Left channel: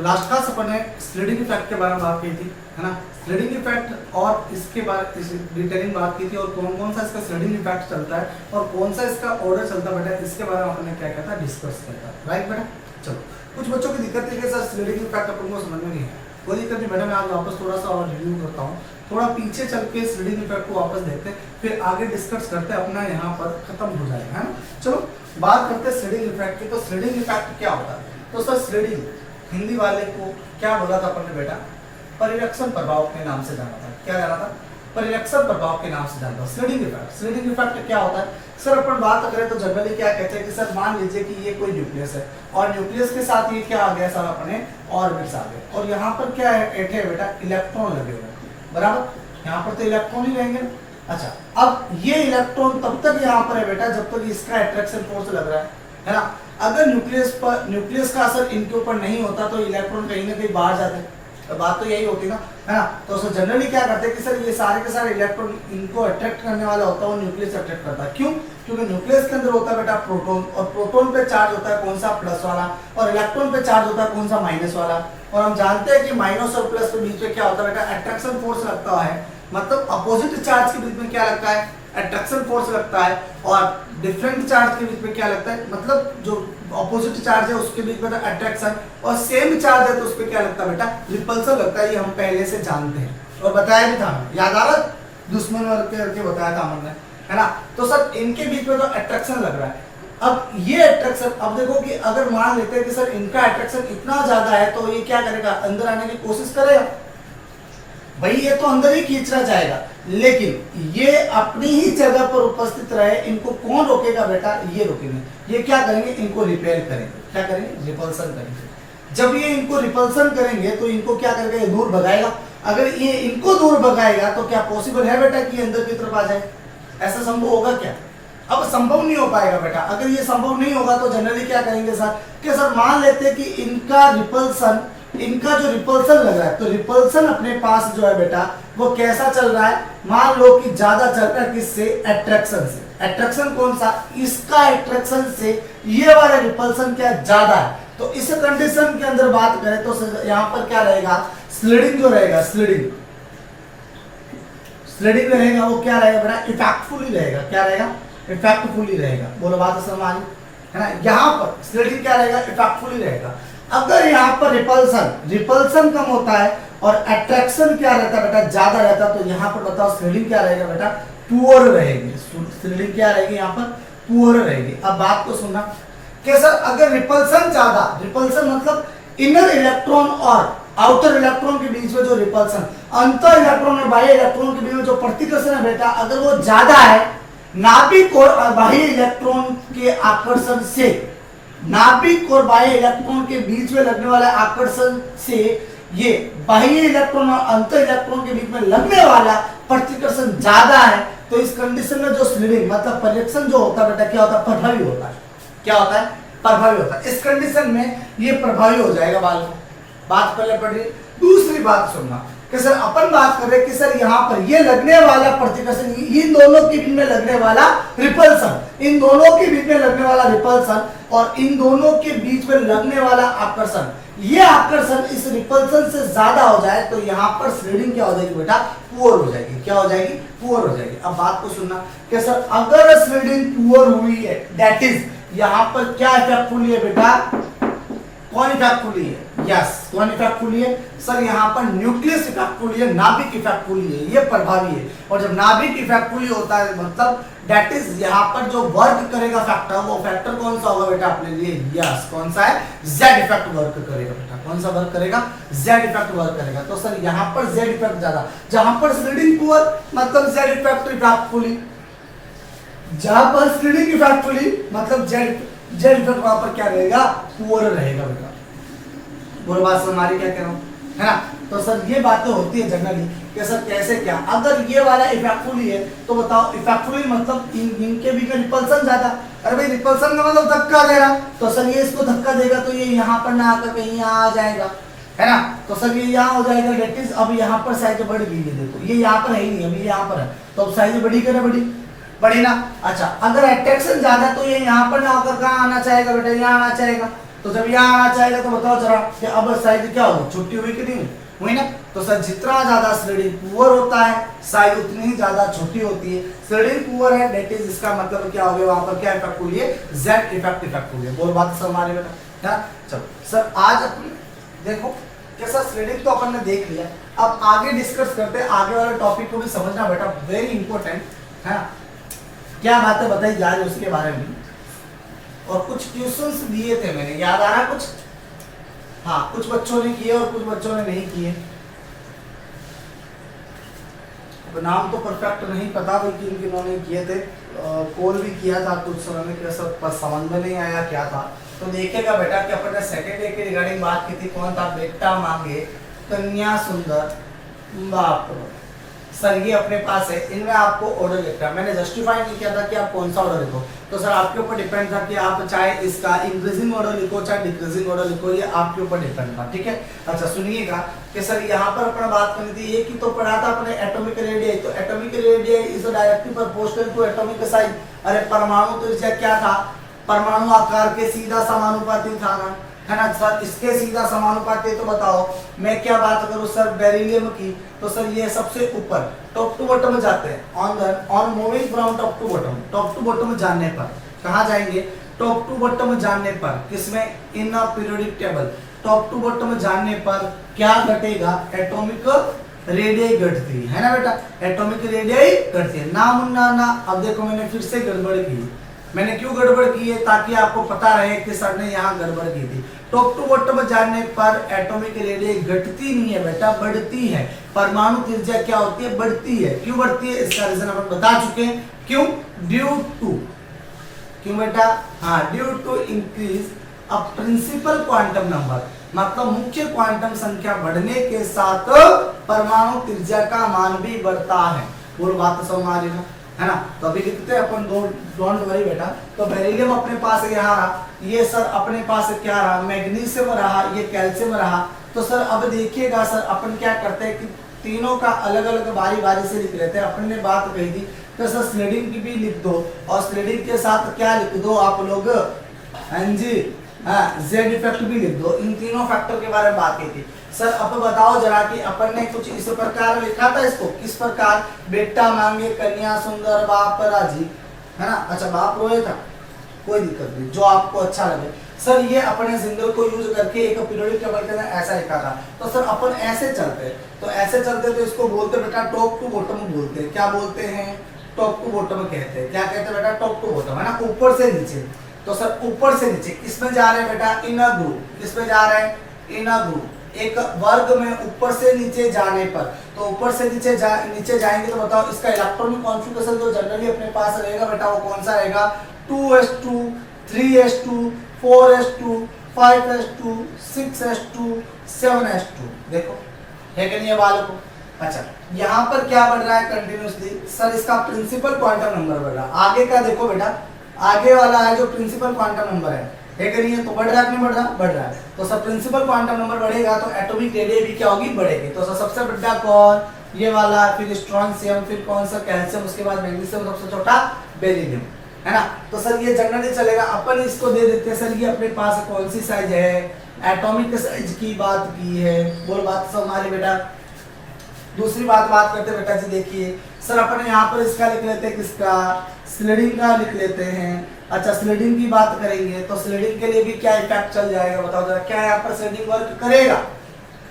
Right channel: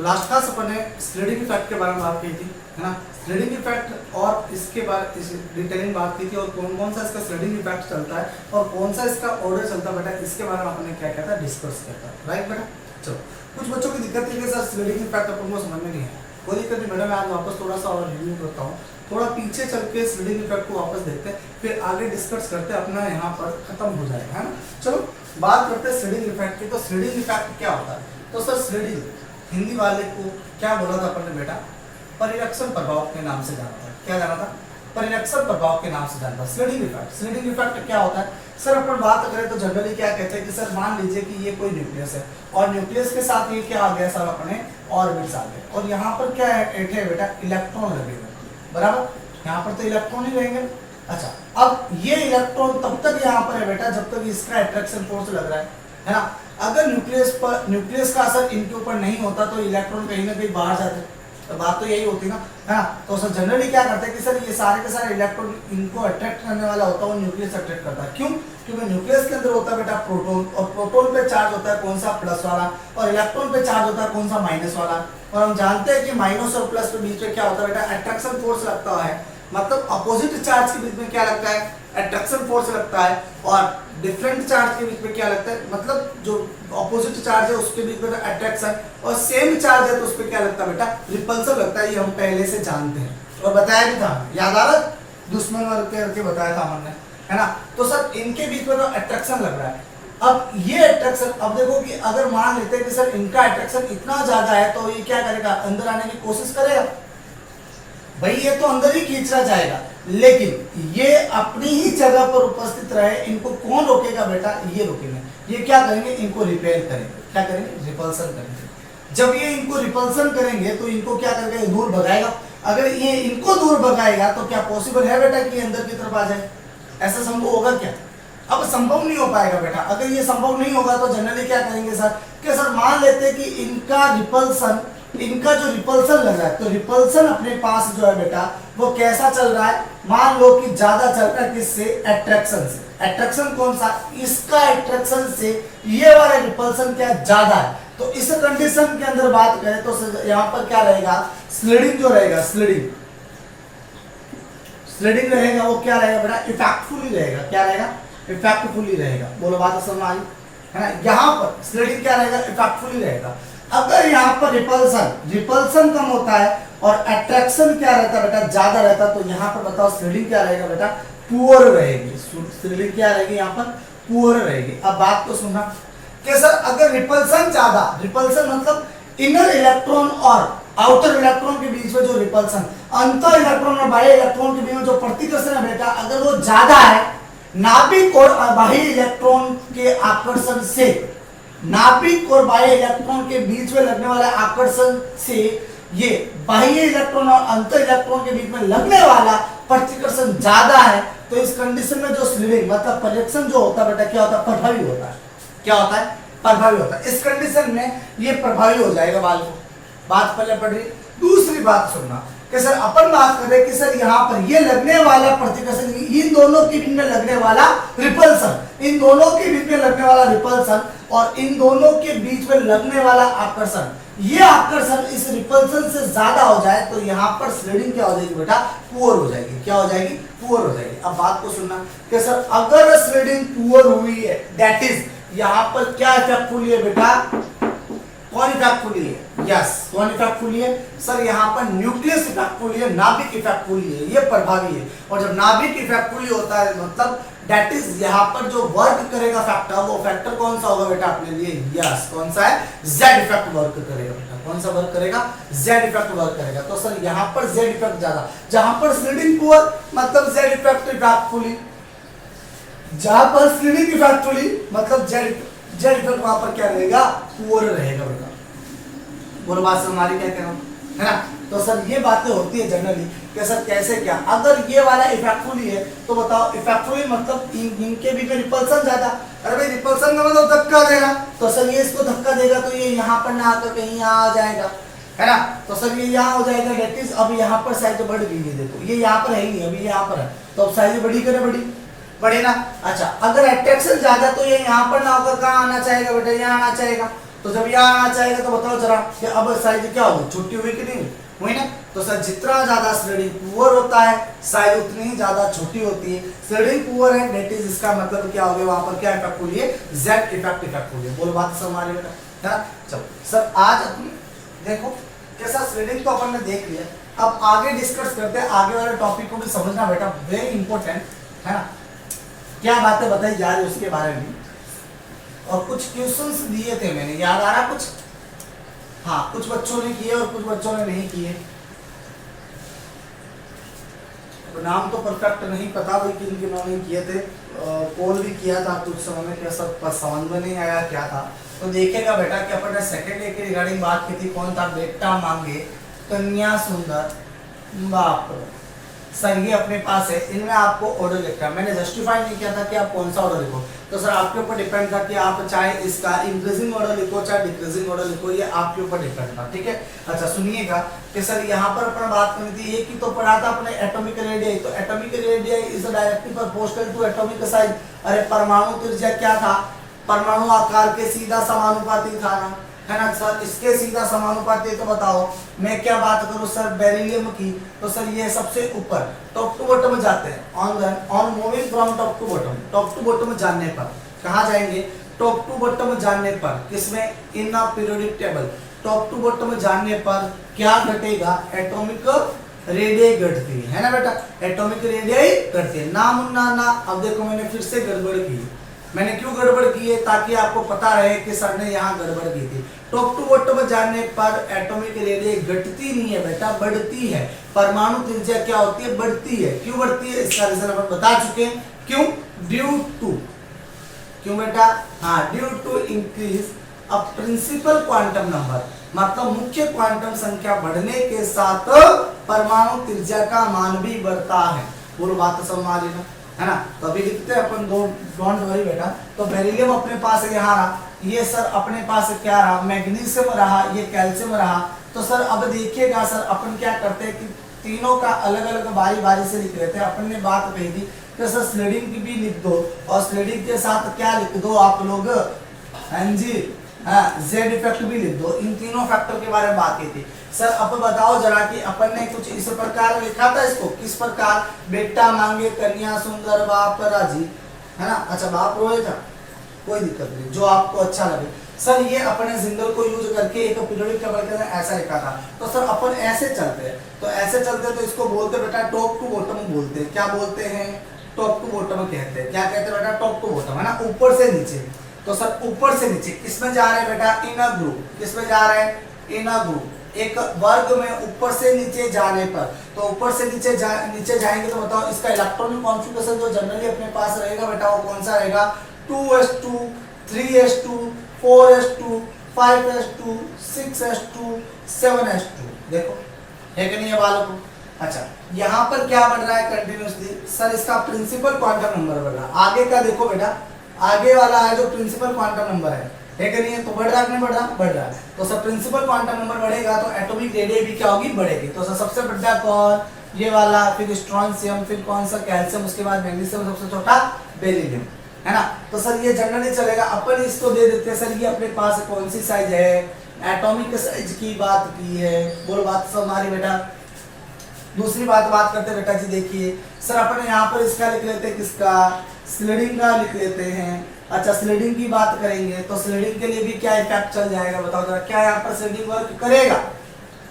Last class अपन ने sliding effect के बारे में बात की थी, है ना। स्लीडिंग इफेक्ट और इसके बारे इस डिटेलिंग बात की थी और कौन कौन सा इसका स्लीडिंग इफेक्ट चलता है और कौन सा इसका ऑर्डर चलता है बेटा, इसके बारे में अपन ने क्या क्या था डिस्कस करता है, राइट बेटा। चलो, कुछ बच्चों की दिक्कत थी कि सर स्लीडिंग इफेक्ट अपन को समझ में नहीं है, कोई दिक्कत नहीं बेटा, मैं आज वापस थोड़ा सा और रिव्यू करता हूँ, थोड़ा पीछे चल के स्लीडिंग इफेक्ट को वापस देखते हैं, फिर आगे डिस्कस करते हैं, अपना यहाँ पर खत्म हो जाएगा, है ना। चलो बात करते हैं स्लीडिंग इफेक्ट की। तो स्लीडिंग इफेक्ट क्या होता है? तो सर स्लीडिंग हिंदी वाले को क्या बोला था अपन ने बेटा? परिलक्षण प्रभाव के नाम से जाना था। क्या जाना था? परिलक्षण प्रभाव के नाम से जाना था स्लीडिंग इफेक्ट। स्लीडिंग इफेक्ट क्या होता है सर? अपन बात करें तो जनरली क्या कहते हैं कि सर मान लीजिए कि ये कोई न्यूक्लियस है और न्यूक्लियस के साथ ये क्या आ गया सर, अपने ऑर्बिट्स आ गए और यहाँ पर क्या है बेटा, इलेक्ट्रॉन लगे हुए, बराबर। यहाँ पर तो इलेक्ट्रॉन ही रहेंगे। अच्छा, अब ये इलेक्ट्रॉन तब तक यहाँ पर है बेटा जब तक इसका अट्रैक्शन फोर्स लग रहा है ना। अगर न्यूक्लियस का असर इनके ऊपर नहीं होता तो इलेक्ट्रॉन कहीं ना कहीं बाहर जाते, तो बात तो यही होती ना, है ना। तो सर जनरली क्या करते हैं कि सर ये सारे के सारे इलेक्ट्रॉन इनको अट्रैक्ट करने वाला होता है और न्यूक्लियस अट्रैक्ट करता है। क्यों? क्योंकि न्यूक्लियस के अंदर होता है बेटा प्रोटॉन और प्रोटॉन पे चार्ज होता है कौन सा? प्लस वाला, और इलेक्ट्रॉन पे चार्ज होता है कौन सा? माइनस वाला। और हम जानते हैं कि माइनस और प्लस के बीच में क्या होता है बेटा? अट्रैक्शन फोर्स लगता है, मतलब अपोजिट चार्ज के बीच में क्या लगता है? अट्रैक्शन फोर्स लगता है। और डिफरेंट चार्ज के बीच में क्या लगता है, मतलब जो अपोजिट चार्ज है उसके बीच में अट्रैक्शन, और सेम चार्ज है तो उस पर क्या लगता है बेटा? रिपल्सन लगता है। ये हम पहले से जानते हैं और बताया भी था, याद आ रहा? दुश्मन वाले करके बताया था हमने, है ना। तो सर इनके बीच में तो अट्रैक्शन लग रहा है। अब ये अट्रैक्शन, अब देखो कि अगर मान लेते हैं कि सर इनका अट्रैक्शन इतना ज्यादा है तो ये क्या करेगा? अंदर आने की कोशिश करेगा भाई, ये तो अंदर ही खींचना चाहेगा, लेकिन ये अपनी ही जगह पर उपस्थित रहे, इनको कौन रोकेगा बेटा? ये रोकेंगे। ये क्या करेंगे? इनको रिपेल करेंगे। क्या करेंगे? रिपल्सन करेंगे। जब ये इनको रिपल्सन करेंगे तो इनको क्या करेगा? दूर भगाएगा। अगर ये इनको दूर भगाएगा तो क्या पॉसिबल है बेटा कि अंदर की तरफ आ जाए? ऐसा संभव होगा क्या? अब संभव नहीं हो पाएगा बेटा। अगर ये संभव नहीं होगा तो जनरली क्या करेंगे सर कि सर मान लेते हैं कि इनका जो रिपल्सन लग रहा है, तो रिपल्सन अपने पास जो है बेटा वो कैसा चल रहा है? मान लो कि ज्यादा चल रहा है किससे? अट्रैक्शन से। अट्रैक्शन कौन सा? इसका अट्रैक्शन से ये वाला रिपल्सन क्या ज्यादा है। तो इस कंडीशन के अंदर बात करें तो यहाँ पर क्या रहेगा? स्लीडिंग जो रहेगा, स्लीडिंग रहेगा वो क्या रहेगा बेटा? इफेक्टफुली रहेगा। क्या रहेगा? इफेक्टफुली रहेगा। बोलो बात समझ आ रही है ना। यहाँ पर स्लीडिंग क्या रहेगा? इफेक्टफुली रहेगा। अगर यहाँ पर रिपल्सन कम होता है और अट्रैक्शन क्या रहता है बेटा? ज्यादा रहता है, तो यहाँ पर बताओ स्लीडिंग क्या रहेगा बेटा? पुअर रहेगी। स्लीडिंग क्या रहेगी? यहाँ पर पुअर रहेगी। अब बात को सुनना कि सर अगर रिपल्सन ज्यादा, रिपल्सन मतलब इनर इलेक्ट्रॉन और आउटर इलेक्ट्रॉन के बीच में जो रिपल्सन, अंतर इलेक्ट्रॉन और बाह्य इलेक्ट्रॉन के बीच में जो प्रतिकर्षण है बेटा, अगर वो ज्यादा है नाभिक और बाह्य इलेक्ट्रॉन के आकर्षण से, नाभिक और बाह्य इलेक्ट्रॉन के बीच में लगने वाला आकर्षण से ये बाह्य इलेक्ट्रॉन और अंतर इलेक्ट्रॉन के बीच में लगने वाला प्रतिकर्षण ज्यादा है, तो इस कंडीशन में जो स्लीडिंग मतलब परिलक्षण जो होता है बेटा क्या होता है? प्रभावी होता है। क्या होता है? प्रभावी होता है। इस कंडीशन में ये प्रभावी हो जाएगा। बात पहले पढ़ रही। दूसरी बात सुनना कि सर अपन बात कर रहे कि सर यहाँ पर ये लगने वाला प्रतिकर्षण, इन दोनों के बीच में लगने वाला रिपल्सन, इन दोनों के बीच में लगने वाला रिपल्सन और इन दोनों के बीच में लगने वाला आकर्षण, ये आकर्षण इस रिपल्सन से ज्यादा हो जाए तो यहाँ पर स्लीडिंग क्या हो जाएगी बेटा? पुअर हो जाएगी। क्या हो जाएगी? पुअर हो जाएगी। अब बात को सुनना कि सर अगर स्लीडिंग पुअर हुई है, दैट इज यहाँ पर क्या इफेक्टफुली है बेटा? कौन इफेक्टफुली है? यस, कौन इफेक्टफुली है सर? यहाँ पर न्यूक्लियस इफेक्टफुली है, नाभिक इफेक्टफुली है, ये प्रभावी है। और जब नाभिक इफेक्टफुली होता है मतलब दैट इज यहाँ पर जो वर्क करेगा फैक्टर, वो फैक्टर कौन सा होगा बेटा अपने लिए? यस, कौन सा है? जेड इफेक्ट वर्क करेगा बेटा। कौन सा वर्क करेगा? जेड इफेक्ट वर्क करेगा। तो सर यहाँ पर जेड इफेक्ट ज्यादा, जहां पर स्लीडिंग पुअर मतलब जेड इफेक्ट इफेक्टफुली, जहां पर स्लीडिंग इफेक्टफुली मतलब जेड इफेक्ट वहां पर क्या रहेगा? पुअर रहेगा बेटा। बोलो बात हमारी क्या कह रहा हूँ, है ना। तो सर ये बातें होती है जनरली कि सर कैसे क्या, अगर ये वाला इफेक्टफुली है तो बताओ इफेक्टफुली मतलब इनके बीच में रिपल्सन ज्यादा। अरे भाई रिपल्सन का मतलब धक्का दे रहा, तो सर ये इसको धक्का देगा तो ये यहाँ पर ना आकर कहीं यहाँ आ जाएगा, है ना। तो सर ये यहाँ हो जाएगा। डेट इज अब यहाँ पर साइज बढ़ गई है, देखो ये यहाँ पर है ही नहीं, अभी यहाँ पर है तो अब साइज बड़ी करे बड़ी ना। अच्छा अगर अट्रैक्शन ज्यादा तो ये यहाँ पर ना होकर कहाँ आना चाहेगा बेटा? यहाँ आना चाहेगा। तो जब यहाँ आना चाहेगा तो बताओ जरा कि अब साइज क्या होगी, छुट्टी हुई कि नहीं हुई ना। तो सर जितना ज्यादा स्लेडिंग पुअर होता है साइज उतनी ही ज्यादा छोटी होती है। स्लेडिंग पुअर है दैट इज, इसका मतलब क्या हो गया, वहां पर क्या इफेक्ट हुई है, जेड इफेक्ट हुई है। बोलो बात समझ में बेटा। चलो सर आज अपनी देखो जैसा स्लेडिंग तो अपन ने देख लिया, अब आगे डिस्कस करते हैं, आगे वाले टॉपिक को भी समझना बेटा, वेरी इंपॉर्टेंट है ना। क्या बातें बताई जा रही है उसके बारे में, और कुछ क्वेश्चंस दिए थे मैंने, याद आ रहा कुछ, हाँ कुछ बच्चों ने किए और कुछ बच्चों ने नहीं किए। नाम तो परफेक्ट नहीं पता भाई किन किन्होंने नहीं किए थे, कॉल भी किया था कुछ समय में, कैसा पर समझ में नहीं आया क्या था। तो देखिएगा बेटा कि अपन ने सेकंड डे के रिगार्डिंग बात की थी, कौन था, बेटा मांगे कन्या सुंदर बाप रे। सर ये अपने पास है, इनमें आपको ऑर्डर लिखना है, मैंने जस्टिफाई नहीं किया था कि आप कौन सा ऑर्डर लिखो, तो सर आपके ऊपर डिपेंड था कि आप चाहे इसका इंक्रीजिंग ऑर्डर लिखो चाहे डिक्रीजिंग ऑर्डर लिखो, ये आपके ऊपर डिपेंड था, ठीक है। अच्छा सुनिएगा कि सर यहाँ पर अपन बात करनी थी, ये की तो पढ़ा था अपने एटॉमिक रेडियस, तो atomic radius is directly proportional to atomic size. अरे परमाणु त्रिज्या क्या था, परमाणु आकार के सीधा समानुपाती था ना, है ना सर, इसके सीधा समानुपाती। तो बताओ मैं क्या बात करूं सर बेरिलियम की, तो सर ये सबसे ऊपर टॉप टू बॉटम जाते हैं, on moving from top to bottom, top to bottom जानने पर कहां जाएंगे, टॉप टू बॉटम जानने पर किसमें, in a periodic table, top to bottom जानने पर क्या घटेगा, एटॉमिक रेडियस घटती है ना बेटा, एटॉमिक रेडियस घटती है ना मुन्ना ना। अब देखो मैंने फिर से गड़बड़ की, मैंने क्यों गड़बड़ की है, ताकि आपको पता रहे कि सर ने यहाँ गड़बड़ की थी। टॉप टू बॉटम जानने पर एटॉमिक रेडियस घटती नहीं है बेटा, बढ़ती है। परमाणु त्रिज्या क्या होती है, बढ़ती है। क्यों बढ़ती है, इसका रीजन अपन बता चुके हैं, क्यों, ड्यू टू, क्यों बेटा, हाँ due to increase a principal quantum number, मतलब मुख्य क्वांटम संख्या बढ़ने के साथ परमाणु त्रिज्या का मान भी बढ़ता है। बोलो बात तो समझ आ रही है ना। तो अभी लिखते हैं अपन, डोंट वरी बेटा। तो बेरिलियम अपने पास यहाँ रहा, ये सर अपने पास क्या रहा, मैग्नीशियम रहा, ये कैल्शियम रहा। तो सर अब देखिएगा सर अपन क्या करते हैं कि तीनों का अलग अलग बारी बारी से लिख लेते हैं। अपन ने बात कही थी कि सर स्लेडिंग की भी लिख दो, और स्लेडिंग के साथ क्या लिख दो आप लोग, हाँ जी, हाँ जेड इफेक्ट भी लिख दो। इन तीनों फैक्टर के बारे में बात की थी। सर अब बताओ जरा कि अपन ने कुछ इस प्रकार लिखा था इसको, किस प्रकार, बेटा मांगे कन्या सुंदर बाप राजी, है ना। अच्छा बाप रोए था, कोई दिक्कत नहीं, जो आपको अच्छा लगे। सर ये अपने सिंगल को यूज करके एक पीरियोडिक टेबल के अंदर ऐसा लिखा था। तो सर अपन ऐसे चलते हैं, तो ऐसे चलते तो इसको बोलते बेटा टॉप टू बॉटम बोलते हैं। क्या बोलते हैं, टॉप टू बॉटम कहते हैं। क्या कहते हैं बेटा, टॉप टू बॉटम, है ना, ऊपर से नीचे। तो सर ऊपर से नीचे किसमें जा रहे हैं बेटा, इनर ग्रुप, किसमें जा रहे हैं, इनर ग्रुप। एक वर्ग में ऊपर से नीचे जाने पर, तो ऊपर से नीचे जाएंगे तो बताओ इसका इलेक्ट्रॉनिक कॉन्फ़िगरेशन जो जनरली अपने पास रहेगा बेटा वो कौन सा रहेगा, 2s2 3s2 4s2 5s2 6s2 7s2। देखो है कि नहीं है बालकों। अच्छा यहाँ पर क्या बढ़ रहा है कंटिन्यूसली, सर इसका प्रिंसिपल क्वांटम नंबर बढ़ रहा। आगे का देखो बेटा, आगे वाला है जो प्रिंसिपल क्वांटम नंबर है कि नहीं है, तो बढ़ रहा है कि नहीं बढ़ रहा, बढ़ रहा है। तो सर प्रिंसिपल क्वांटम नंबर बढ़ेगा तो एटॉमिक रेडियस भी क्या होगी, बढ़ेगी। तो सर सबसे बड़ा कौन, ये वाला, फिर स्ट्रोंशियम, फिर कौन सा, कैल्शियम, उसके बाद मैग्नीशियम, सबसे छोटा बेरिलियम, है ना। तो सर ये जनरली चलेगा, अपन इसको दे देते हैं सर ये अपने पास कौन सी साइज है, एटॉमिक साइज की बात की है। बोलो बात सब हमारी बेटा। दूसरी बात करते बेटा जी, देखिए सर अपन यहाँ पर इसका लिख लेते हैं, किसका, स्लेडिंग का लिख लेते हैं। अच्छा स्लेडिंग की बात करेंगे तो स्लेडिंग के लिए भी क्या इफेक्ट चल जाएगा, बताओ जरा, क्या यहाँ पर स्लेडिंग वर्क करेगा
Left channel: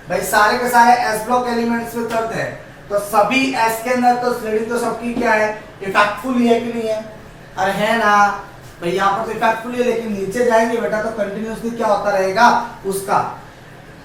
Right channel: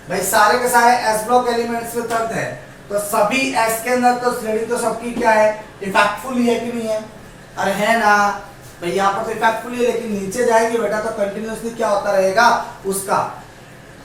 भाई, सारे के सारे एस ब्लॉक एलिमेंट्स में तर्क है, तो सभी एस के अंदर तो स्लेडिंग तो सबकी क्या है, इफेक्टफुल है कि नहीं है, अरे है ना भाई, यहाँ पर तो इफेक्टफुल है, लेकिन नीचे जाएंगे बेटा तो कंटिन्यूसली क्या होता रहेगा, उसका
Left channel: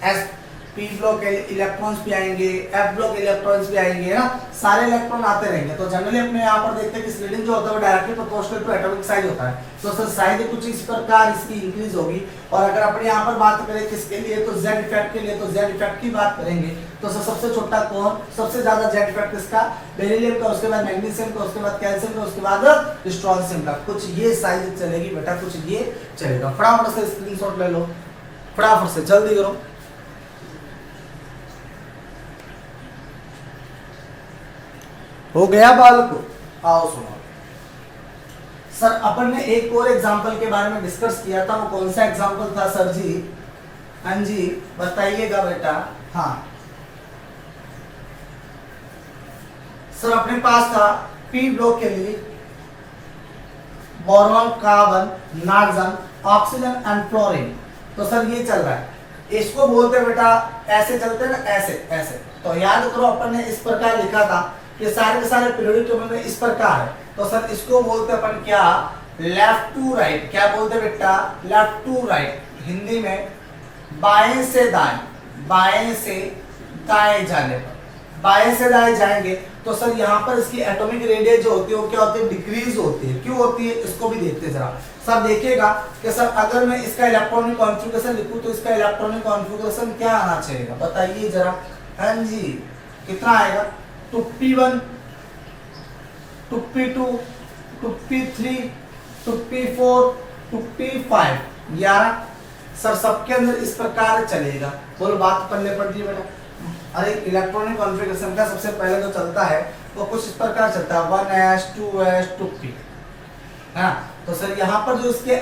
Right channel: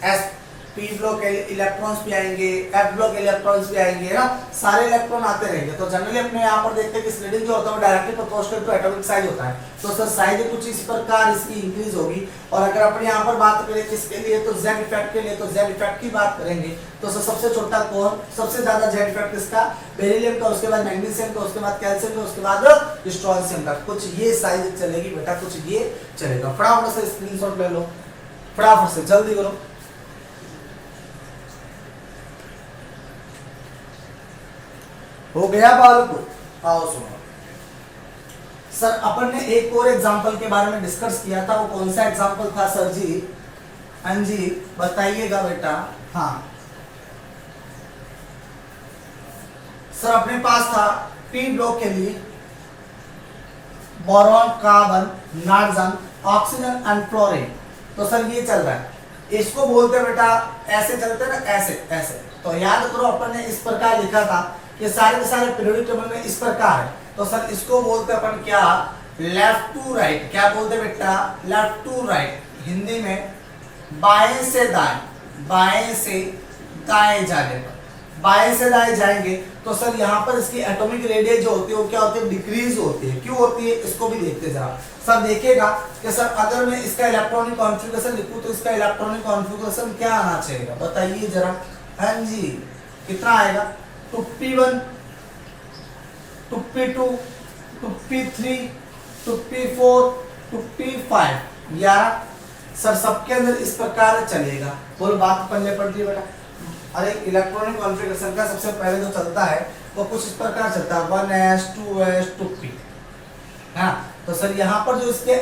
एस पी ब्लॉक इलेक्ट्रॉन्स भी आएंगे, एफ ब्लॉक इलेक्ट्रॉन्स भी आएंगे, है ना, सारे इलेक्ट्रॉन आते रहेंगे। तो जनरली अपने यहाँ पर देखते हैं कि स्लेडिंग जो होता है वो directly proportional to atomic size होता है। तो सर साइज कुछ इस प्रकार इसकी इंक्रीज होगी। और अगर अपने यहाँ पर बात करें किसके लिए, तो जेड इफेक्ट के लिए, तो जेड इफेक्ट की बात करेंगे तो सर सबसे छोटा कौन, सबसे ज्यादा जेड इफेक्ट किसका, बेरिलियम का, उसके बाद मैग्नीशियम का, उसके बाद कैल्शियम का, उसके बाद स्ट्रोंशियम का। कुछ ये साइज चलेगी बेटा, कुछ ये चलेगा। फटाफट से स्क्रीनशॉट ले लो, फटाफट से जल्दी करो। हो गया बालको, आओ सुनो सर अपन ने एक और एग्जांपल के बारे में डिस्कस किया था, वो कौन सा एग्जांपल था सर जी? हाँ जी बताइएगा बेटा। हाँ सर अपने पास था पी ब्लॉक के लिए boron, carbon, nitrogen, oxygen and fluorine. तो सर ये चल रहा है, इसको बोलते हैं बेटा, ऐसे चलते ना, ऐसे ऐसे। तो याद करो अपन ने इस प्रकार लिखा था, ये सारे के सारे पीरियोडिक टेबल में इस प्रकार है। तो सर इसको बोलते अपन क्या? Left to right. क्या बोलते बेटा? Left to right. हिंदी में बाएं से दाएं, बाएं से दाएं जाने पर, बाएं से दाएं जाएंगे तो सर यहाँ पर इसकी एटॉमिक रेडियस जो होती है वो क्या होती है? डिक्रीज होती है। क्यों होती है इसको भी देखते जरा। सर देखिएगा कि सर अगर मैं इसका इलेक्ट्रॉनिक कॉन्फ़िगरेशन लिखूं तो इसका इलेक्ट्रॉनिक कॉन्फ़िगरेशन क्या आना चाहिए बताइए जरा। हाँ जी कितना आएगा? 2p1, 2p2, 2p3, 2p4, 2p5, 11। Sir सबके अंदर इस प्रकार चलेगा। बोल बात पल्ले पड़ गई बेटा। अरे इलेक्ट्रॉनिक कॉन्फ़िगरेशन का सबसे पहले जो चलता है वो कुछ इस प्रकार चलता है 1s 2s 2p, है ना। तो सर यहाँ पर जो इसके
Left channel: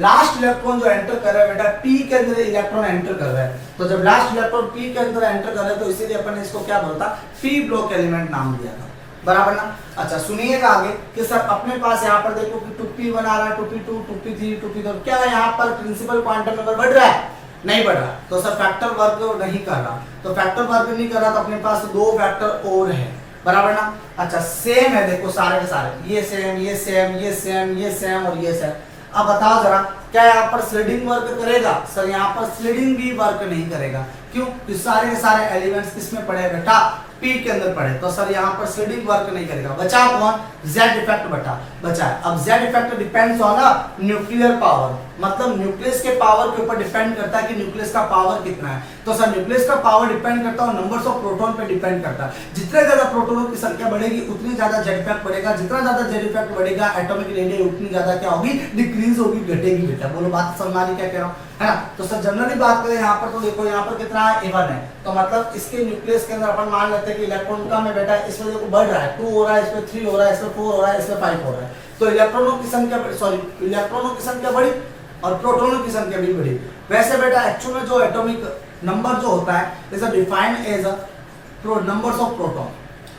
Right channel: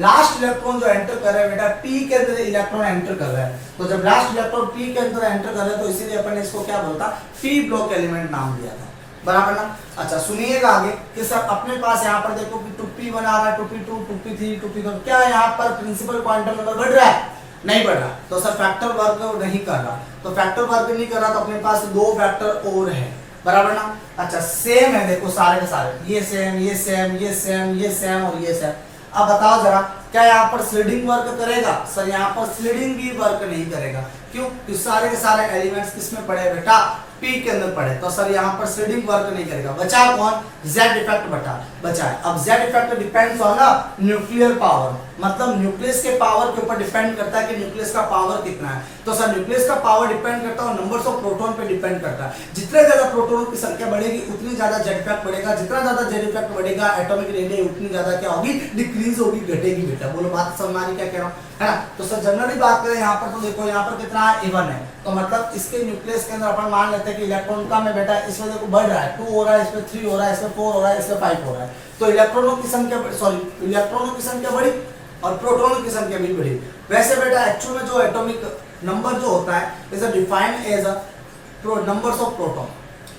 लास्ट इलेक्ट्रॉन जो एंटर कर रहा है बेटा, p के अंदर इलेक्ट्रॉन एंटर कर रहा है। तो जब लास्ट इलेक्ट्रॉन p के अंदर एंटर कर रहा है तो इसीलिए अपन ने इसको क्या बोलता? p ब्लॉक एलिमेंट नाम दिया था, बराबर ना। अच्छा सुनिएगा आगे कि सर अपने पास यहाँ पर देखो कि 2p1 आ रहा है, 2p2, 2p3, 2p4। क्या यहाँ पर प्रिंसिपल क्वांटम नंबर बढ़ रहा है? नहीं बढ़ रहा। तो सर फैक्टर वर्क नहीं कर रहा। तो फैक्टर वर्क नहीं कर रहा तो अपने पास दो फैक्टर और है, बराबर ना। अच्छा सेम है, देखो सारे के सारे, ये सेम, ये सेम, ये सेम, ये सेम और ये सेम। अब बताओ जरा क्या यहाँ पर स्लीडिंग वर्क करेगा? सर यहाँ पर स्लीडिंग भी वर्क नहीं करेगा। क्यों? कि सारे के सारे एलिमेंट्स किसमें पड़े बेटा? P के अंदर पड़े। तो सर यहाँ पर स्लीडिंग वर्क नहीं करेगा। बचा कौन? Z इफेक्ट बचा है। अब Z effect depends on nuclear power, मतलब न्यूक्लियस के पावर के ऊपर डिपेंड करता है कि न्यूक्लियस का पावर कितना है। तो सर न्यूक्लियस का पावर डिपेंड करता है नंबर्स ऑफ प्रोटॉन पे डिपेंड करता है। जितने ज्यादा प्रोटॉनों की संख्या बढ़ेगी उतनी ज्यादा Z इफेक्ट बढ़ेगा। जितना ज्यादा Z इफेक्ट बढ़ेगा एटॉमिक रेडियस उतनी ज्यादा क्या होगी? डिक्रीज होगी, घटेगी बेटा। बोलो बात समझ आ रही क्या कह रहा हूँ, है ना। तो सर जनरली बात करें यहाँ पर तो देखो यहाँ पर कितना है? A1 है। तो मतलब इसके न्यूक्लियस के अंदर अपन मान लेते हैं कि इलेक्ट्रॉन कम है बेटा, इस वजह को बढ़ रहा है, 2 हो रहा है, इसमें 3 हो रहा है, इसमें 4 हो रहा है, इसमें 5 हो रहा है। तो इलेक्ट्रॉनों की संख्या इलेक्ट्रॉनों की संख्या बढ़ी और प्रोटॉनों की संख्या भी बढ़ी। वैसे बेटा एक्चुअल में जो एटॉमिक नंबर जो होता है is defined as numbers of proton,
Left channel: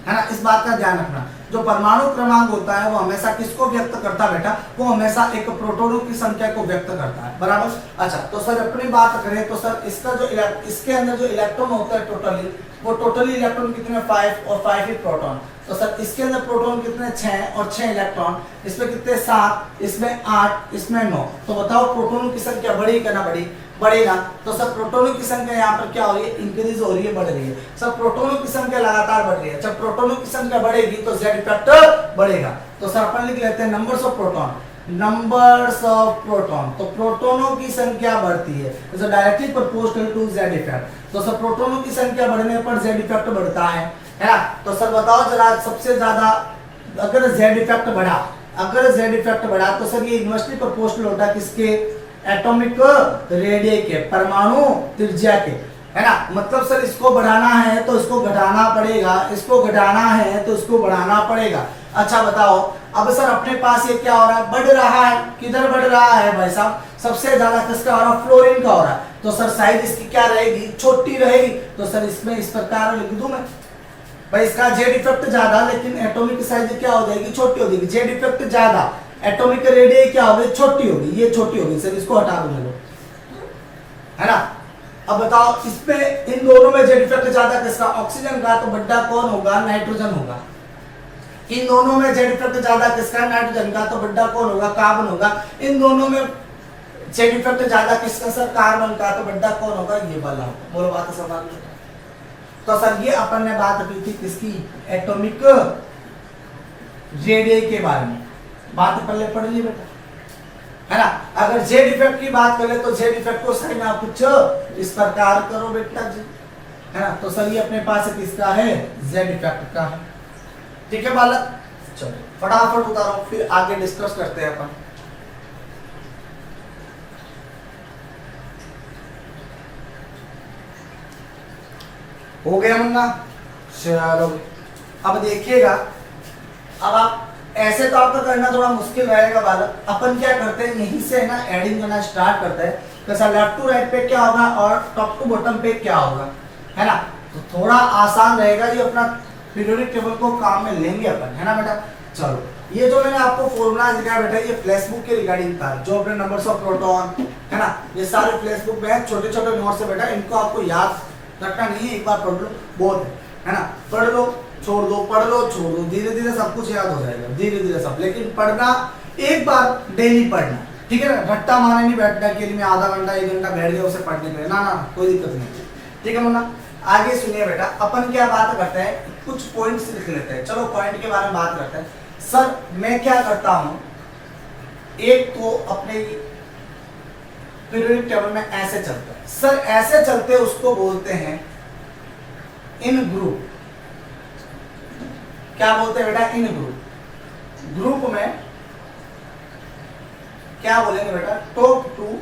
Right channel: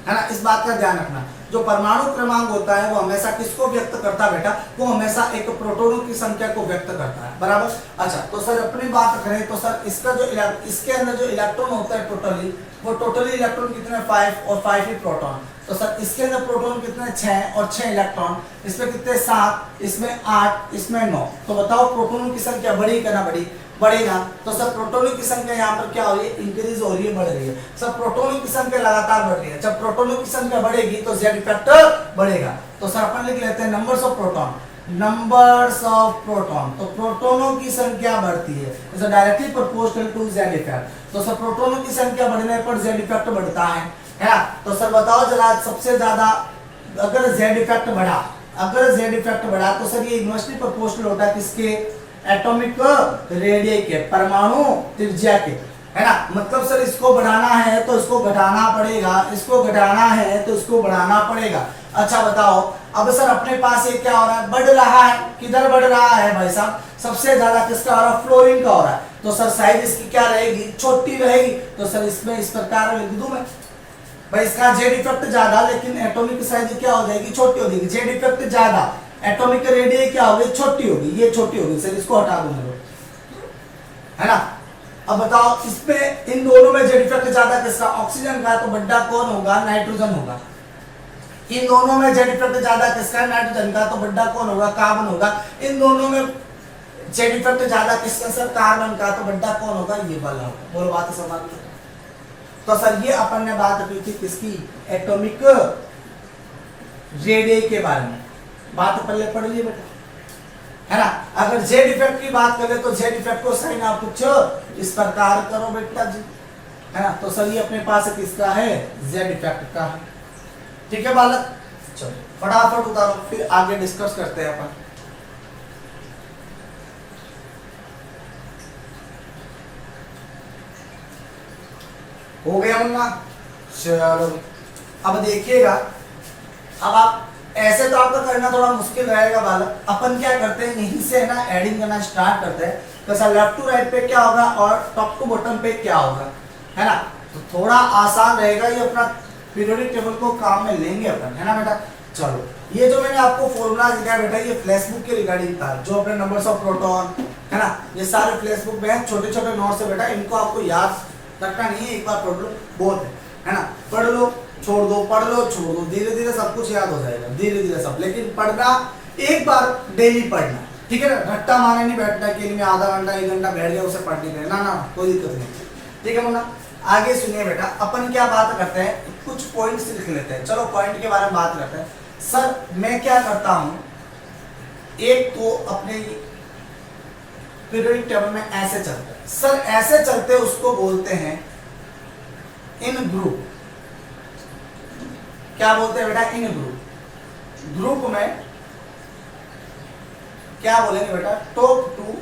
है ना। इस बात का ध्यान रखना। जो परमाणु क्रमांक होता है वो हमेशा किसको व्यक्त करता है बेटा? वो हमेशा एक प्रोटॉनों की संख्या को व्यक्त करता है, बराबर। अच्छा तो सर अपनी बात करें तो सर इसका जो इसके अंदर जो इलेक्ट्रॉन होता है टोटली, वो टोटली इलेक्ट्रॉन कितने? 5 और 5 ही प्रोटॉन। तो सर इसके अंदर प्रोटॉन कितने? 6 और 6 इलेक्ट्रॉन। इसमें कितने? 7, इसमें 8, इसमें 9। तो बताओ प्रोटॉनों की संख्या बढ़ी क्या ना बढ़ी? बढ़ेगा। तो सब प्रोटॉनों की संख्या यहाँ पर क्या हो रही है? इंक्रीज हो रही है, बढ़ रही है। सब प्रोटॉनों की संख्या लगातार बढ़ रही है। जब प्रोटॉनों की संख्या बढ़ेगी तो Z इफेक्ट बढ़ेगा। तो सर अपन लिख लेते हैं numbers of proton, numbers of proton. तो प्रोटॉनों की संख्या बढ़ती है, is directly proportional to Z effect. तो सर प्रोटॉनों की संख्या बढ़ने पर Z इफेक्ट बढ़ता है ना। तो सर बताओ जरा सबसे ज्यादा अगर Z इफेक्ट बढ़ा, अगर Z इफेक्ट बढ़ा तो सर ये इनवर्सली प्रोपोर्शनल होता है किसके? एटॉमिक रेडियस के, परमाणु त्रिज्या के, है ना। मतलब सर इसको बढ़ाना है तो इसको घटाना पड़ेगा, इसको घटाना है तो इसको बढ़ाना पड़ेगा। अच्छा बताओ अब सर अपने पास ये क्या हो रहा है? बढ़ रहा है। किधर बढ़ रहा है भाई साहब? सबसे ज्यादा किसका हो रहा है? फ्लोरीन का हो रहा है। तो सर साइज इसकी क्या रहेगी? छोटी रहेगी। तो सर इसमें इस प्रकार लिख दूं मैं भाई, इसका Z इफेक्ट ज्यादा लेकिन एटॉमिक साइज क्या हो जाएगी? छोटी हो जाएगी। Z इफेक्ट ज्यादा, एटॉमिक रेडियस क्या होगी? छोटी होगी। ये छोटी होगी सर, इसको हटा दूंगा लोग, है ना। अब बताओ इसमें इन दोनों में Z इफेक्ट ज्यादा किसका? ऑक्सीजन का। तो बड़ा कौन होगा? नाइट्रोजन होगा। इन दोनों में Z इफेक्ट ज्यादा किसका? नाइट्रोजन का। तो बड़ा कौन होगा? कार्बन होगा। इन दोनों में Z इफेक्ट ज्यादा किसका? सर कार्बन का। तो बड़ा कौन होगा? ये वाला होगा। बोलो बात समझ आ रही है। तो सर ये अपन ने बात की थी किसकी? एटॉमिक रेडियस के बारे में। बात पहले पढ़ ली बेटा, है ना। अगर Z इफेक्ट की बात करें तो Z इफेक्ट को साइन आप कुछ इस प्रकार करो बेटा जी, है ना। तो सर ये अपने पास किसका है? Z इफेक्ट का है। ठीक है बालक, चलो फटाफट उतारो फिर आगे डिस्कस करते हैं अपन। हो गया मुन्ना? चलो अब देखिएगा, अब आप ऐसे तो आपका करना थोड़ा मुश्किल रहेगा बालक। अपन क्या करते हैं, यहीं से ना एडिंग करना स्टार्ट करते हैं। तो लेफ्ट टू राइट पे क्या होगा और टॉप टू बॉटम पे क्या होगा, है ना। तो थोड़ा आसान रहेगा, ये अपना पीरियोडिक टेबल को काम में लेंगे अपन, है ना बेटा। चलो, ये जो मैंने आपको फॉर्मूला दिखाया बेटा, ये फ्लैश बुक के रिगार्डिंग था, जो अपने नंबर्स ऑफ प्रोटॉन, है ना, ये सारे फ्लैश बुक में छोटे छोटे नोट्स है बेटा, इनको आपको याद रखना नहीं है, एक बार पढ़ लो बहुत है ना। पढ़ लो छोड़ दो, पढ़ लो छोड़ दो, धीरे धीरे सब कुछ याद हो जाएगा, धीरे धीरे सब। लेकिन पढ़ना एक बार डेली पढ़ना, ठीक है ना। रट्टा मारने नहीं बैठना कि मैं आधा घंटा 1 घंटा बैठ गया उसे पढ़ने के, ना ना कोई दिक्कत नहीं, ठीक है मुन्ना। आगे सुनिए बेटा, अपन क्या बात करते हैं, कुछ पॉइंट्स लिख लेते हैं। चलो पॉइंट के बारे में बात करते हैं। सर मैं क्या करता हूं, एक तो अपने पीरियोडिक टेबल में ऐसे चलता है सर, ऐसे चलते उसको बोलते हैं इन ग्रुप। क्या बोलते हैं बेटा, इन ग्रुप। ग्रुप में क्या बोलेंगे बेटा, टॉप टू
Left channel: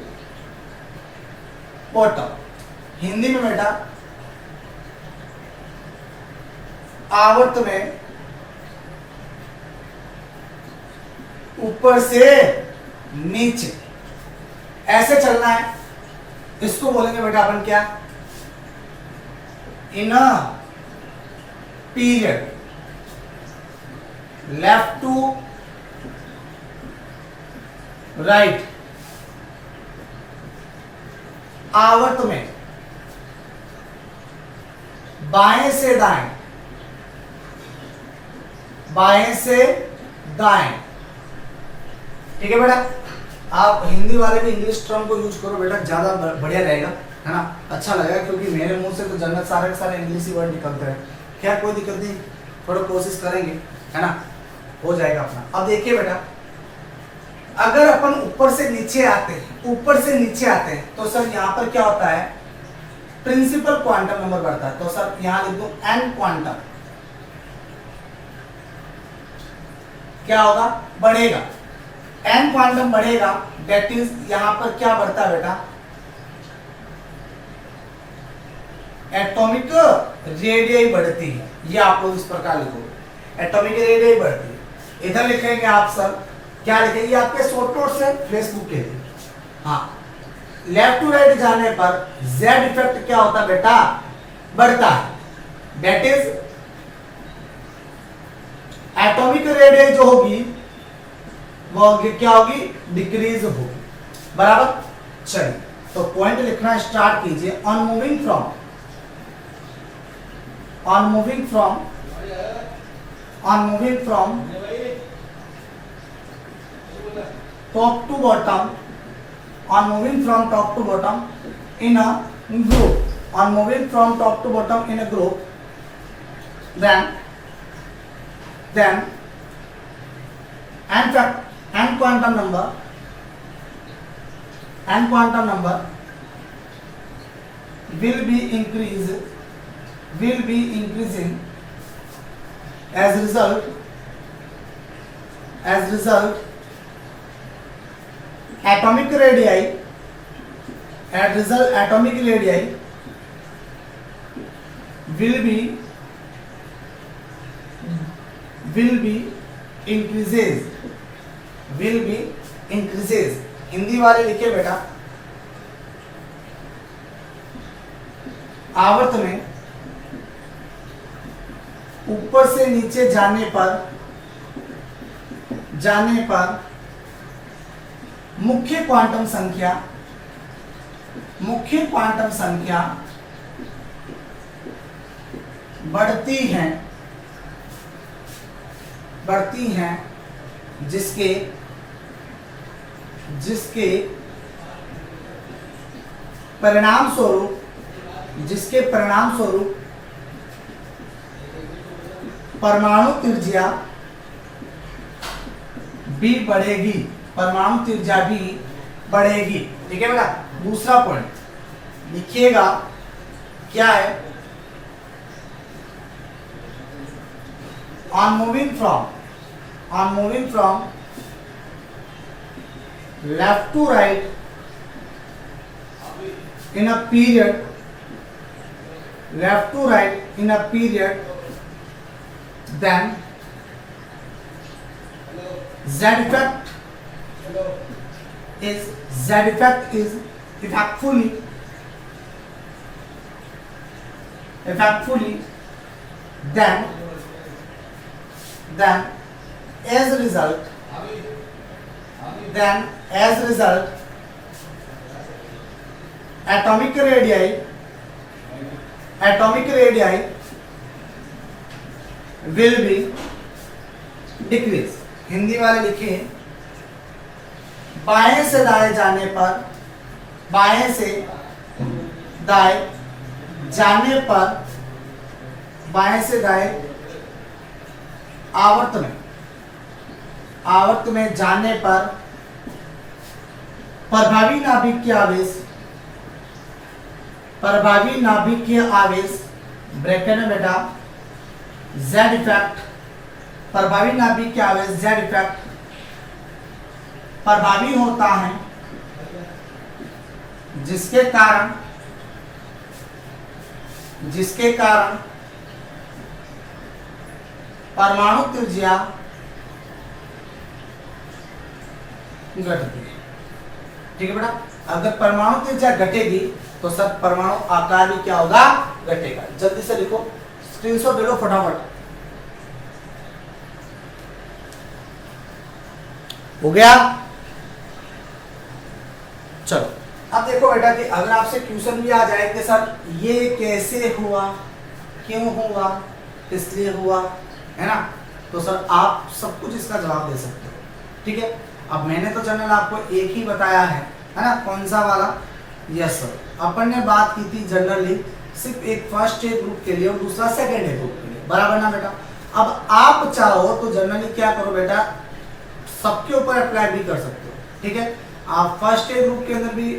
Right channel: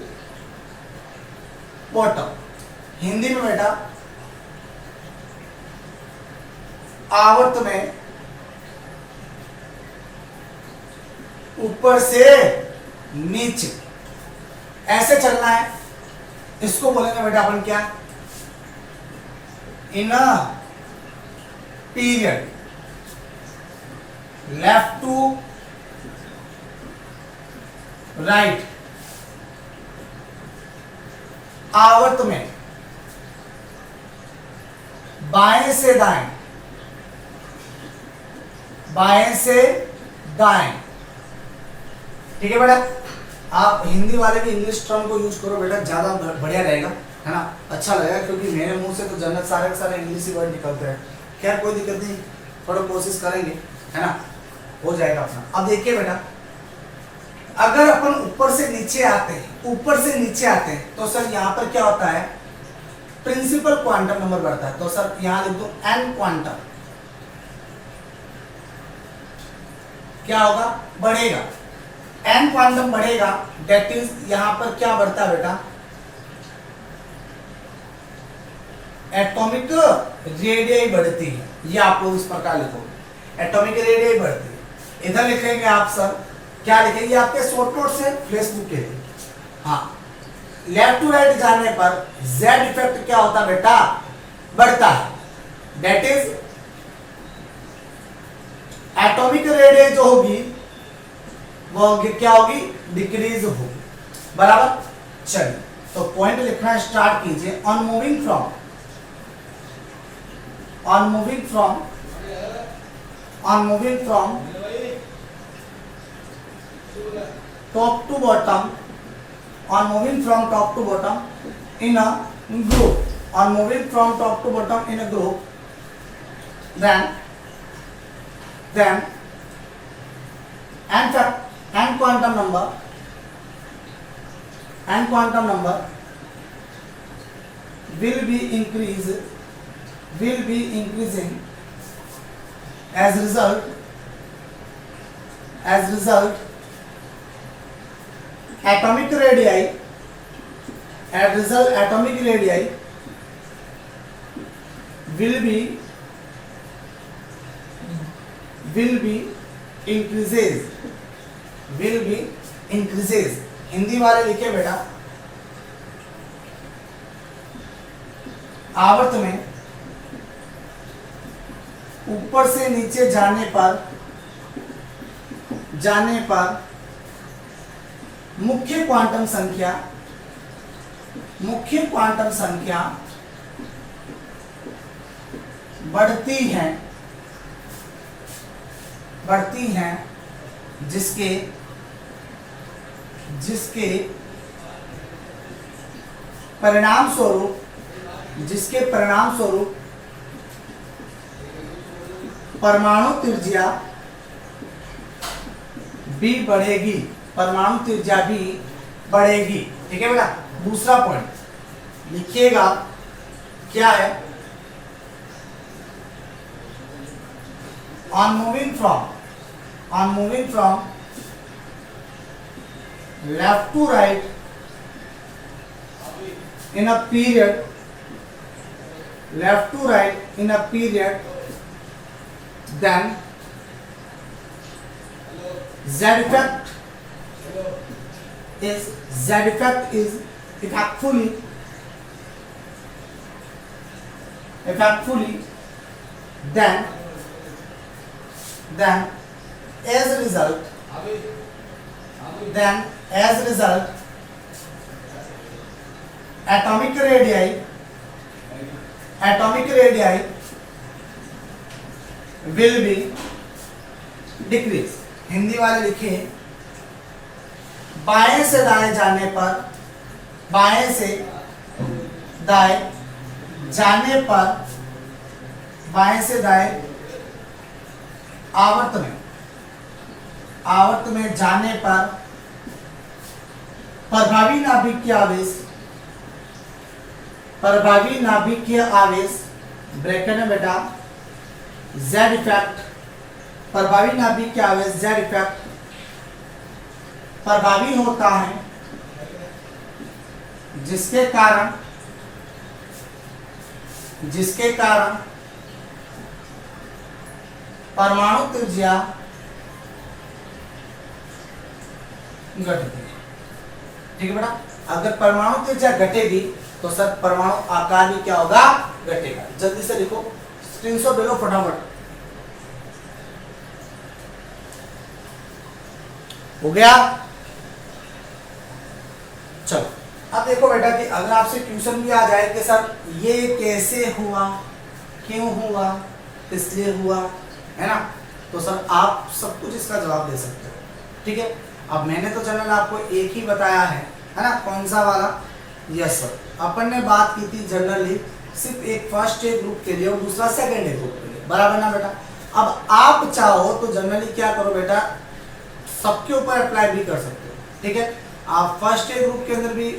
बॉटम। हिंदी में बेटा आवर्त में ऊपर से नीचे ऐसे चलना है, इसको बोलेंगे बेटा अपन क्या, in a period. Left to right आवर्त में बाएं से दाएं, बाएं से दाएं, ठीक है बेटा। आप हिंदी वाले भी इंग्लिश टर्म को यूज करो बेटा, ज्यादा बढ़िया रहेगा, है ना, अच्छा लगेगा, क्योंकि मेरे मुंह से तो जन्नत सारे के सारे इंग्लिश ही वर्ड निकलते हैं। खैर कोई दिक्कत नहीं, थोड़ा कोशिश करेंगे, है ना, हो जाएगा अपना। अब देखिए बेटा, अगर अपन ऊपर से नीचे आते हैं, ऊपर से नीचे आते हैं, तो सर यहां पर क्या होता है, प्रिंसिपल क्वांटम नंबर बढ़ता है। तो सर यहां लिख दो एन क्वांटम, क्या होगा, बढ़ेगा, एन क्वांटम बढ़ेगा। दैट इज यहां पर क्या बढ़ता है बेटा, एटॉमिक रेडियस बढ़ती है। ये आप लोग इस प्रकार लिखोगे, एटॉमिक रेडियस बढ़ती है। इधर लिखेंगे आप सर, क्या लिखेंगे, आपके शॉर्ट नोट से फेसबुक के लिए। हाँ, लेफ्ट टू राइट जाने पर जेड इफेक्ट क्या होता है बेटा, बढ़ता है। दैट इज एटॉमिक रेडियस जो होगी वो क्या होगी, डिक्रीज होगी, बराबर। चलिए तो पॉइंट लिखना स्टार्ट कीजिए। On moving from top to bottom, on moving from top to bottom in a group, on moving from top to bottom in a group, then and quantum number will be increasing as result atomic radii will be increases। Hindi वाले लिखे बेटा, आवर्त में ऊपर से नीचे जाने पर मुख्य क्वांटम संख्या बढ़ती हैं जिसके परिणाम स्वरूप परमाणु त्रिज्या भी बढ़ेगी, ठीक है बेटा। दूसरा पॉइंट लिखिएगा, क्या है, on moving from left to right in a period, left to right in a period, then Z effect is effectfully then as a result atomic radii will be decrease। Hindi वाले लिखे बाएं से दाएं जाने पर बाएं से दाएं आवर्त में जाने पर प्रभावी नाभिकीय आवेश ब्रैकेट में बेटा Z इफेक्ट, प्रभावी नाभिकीय आवेश Z इफेक्ट प्रभावी होता है जिसके कारण परमाणु त्रिज्या घटती है। ठीक है बेटा, अगर परमाणु त्रिज्या घटेगी तो सर परमाणु आकार भी क्या होगा, घटेगा। जल्दी से लिखो, स्क्रीनशॉट ले लो फटाफट। हो गया? चलो अब देखो बेटा कि अगर आपसे क्वेश्चन भी आ जाए कि सर ये कैसे हुआ, क्यों हुआ, इसलिए हुआ, है ना, तो सर आप सब कुछ इसका जवाब दे सकते हो। ठीक है, अब मैंने तो जनरल आपको एक ही बताया है ना, कौन सा वाला? यस सर, अपन ने बात की थी जनरली सिर्फ एक फर्स्ट ए ग्रुप के लिए और दूसरा सेकंड ए ग्रुप के लिए, बराबर ना बेटा। अब आप चाहो तो जनरली क्या करो बेटा, सबके ऊपर अप्लाई भी कर सकते हो। ठीक है, आप फर्स्ट ए ग्रुप के अंदर भी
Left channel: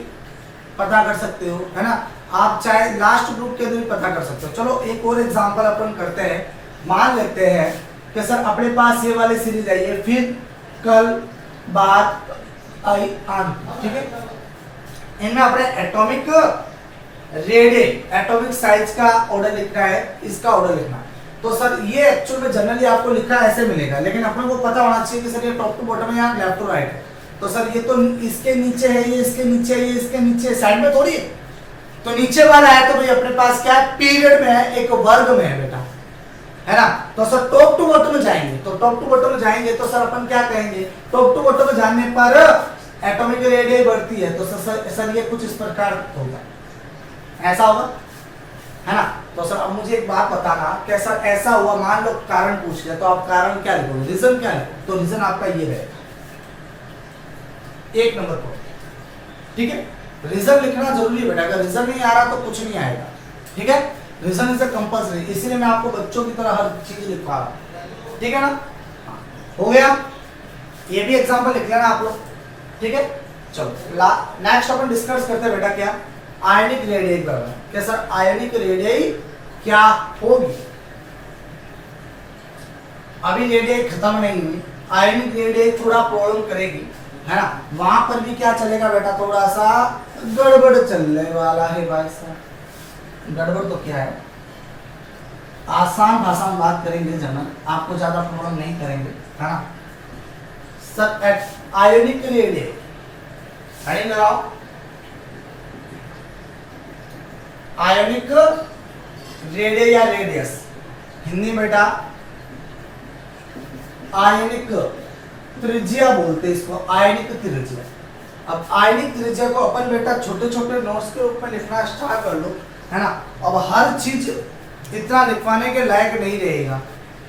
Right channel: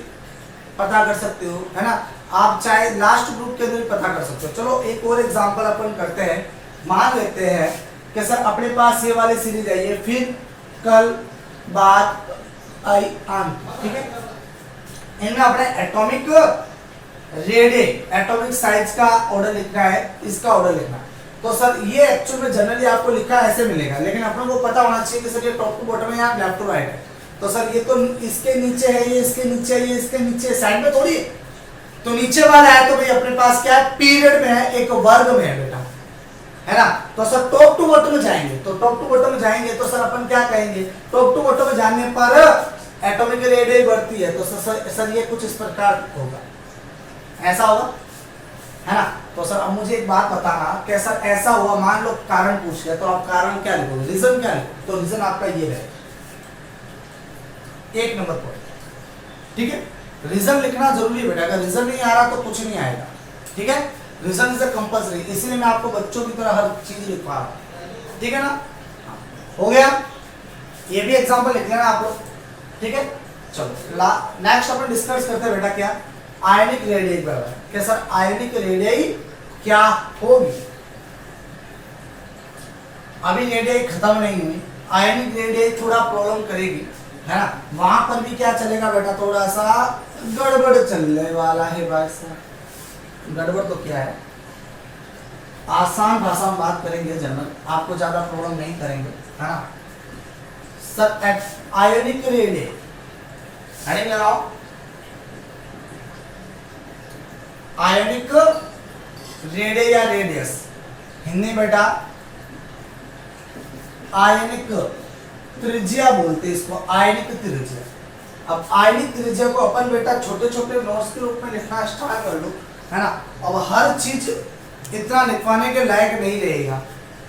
पता कर सकते हो, है ना, आप चाहे लास्ट ग्रुप के अंदर भी पता कर सकते हो। चलो एक और एग्जांपल अपन करते हैं। मान लेते हैं कि सर अपने पास ये वाली सीरीज है, ये फिर कल बात आई आन। ठीक है, इनमें अपने एटॉमिक रेडियस, एटॉमिक साइज का ऑर्डर लिखना है, इसका ऑर्डर लिखना है। तो सर ये एक्चुअल में जनरली आपको लिखा ऐसे मिलेगा, लेकिन अपने को पता होना चाहिए कि सर ये टॉप टू बॉटम है या लेफ्ट टू राइट है। तो सर ये तो इसके नीचे है, ये इसके नीचे है, ये इसके नीचे, साइड में थोड़ी है। तो नीचे वाला है तो भाई अपने पास क्या है, पीरियड में है, एक वर्ग में है बेटा, है ना। तो सर टॉप टू बॉटम में जाएंगे, तो टॉप टू बॉटम में जाएंगे तो सर अपन क्या कहेंगे, टॉप टू बॉटम में जाने पर एटॉमिक रेडियस बढ़ती है। तो सर ये कुछ इस प्रकार होगा, ऐसा होगा, है ना। तो सर अब मुझे एक बात बताना कि सर ऐसा हुआ, मान लो कारण पूछ लिया, तो आप कारण क्या लिखोगे, रीजन क्या लिखोगे? तो रीजन आपका ये है, एक नंबर पर। ठीक है, रीजन लिखना जरूरी है बेटा, अगर रीजन नहीं आ रहा तो कुछ नहीं आएगा। ठीक है, रीजन इज अ कंपल्सरी, इसीलिए मैं आपको बच्चों की तरह हर चीज लिखवा रहा हूं। ठीक है ना, हो गया, ये भी एग्जांपल लिख लेना आप लोग। ठीक है, चलो नेक्स्ट अपन डिस्कस करते हैं बेटा क्या, आयनिक रेडियस बराबर क्या सर, आयनिक रेडियस क्या होगी। अभी रेडियस खत्म नहीं हुई, आयनिक रेडियस थोड़ा प्रॉब्लम करेगी, है ना। वहां पर भी क्या चलेगा बेटा, थोड़ा सा गड़बड़ चलने वाला है भाई साहब। गड़बड़ तो क्या है, आसान भाषा में बात करेंगे जनरल, आपको ज्यादा प्रॉब्लम नहीं करेंगे, है ना। सर आयनिक रेडियस हेडिंग लगाओ, आयनिक रेडियस या रेडियस, हिंदी बेटा आयनिक त्रिज्या बोलते हैं इसको, आयनिक त्रिज्या। अब आयनिक त्रिज्या को अपन बेटा छोटे छोटे नोट्स के रूप में लिखना स्टार्ट कर लो, है ना। अब हर चीज इतना लिखवाने के लायक नहीं रहेगा,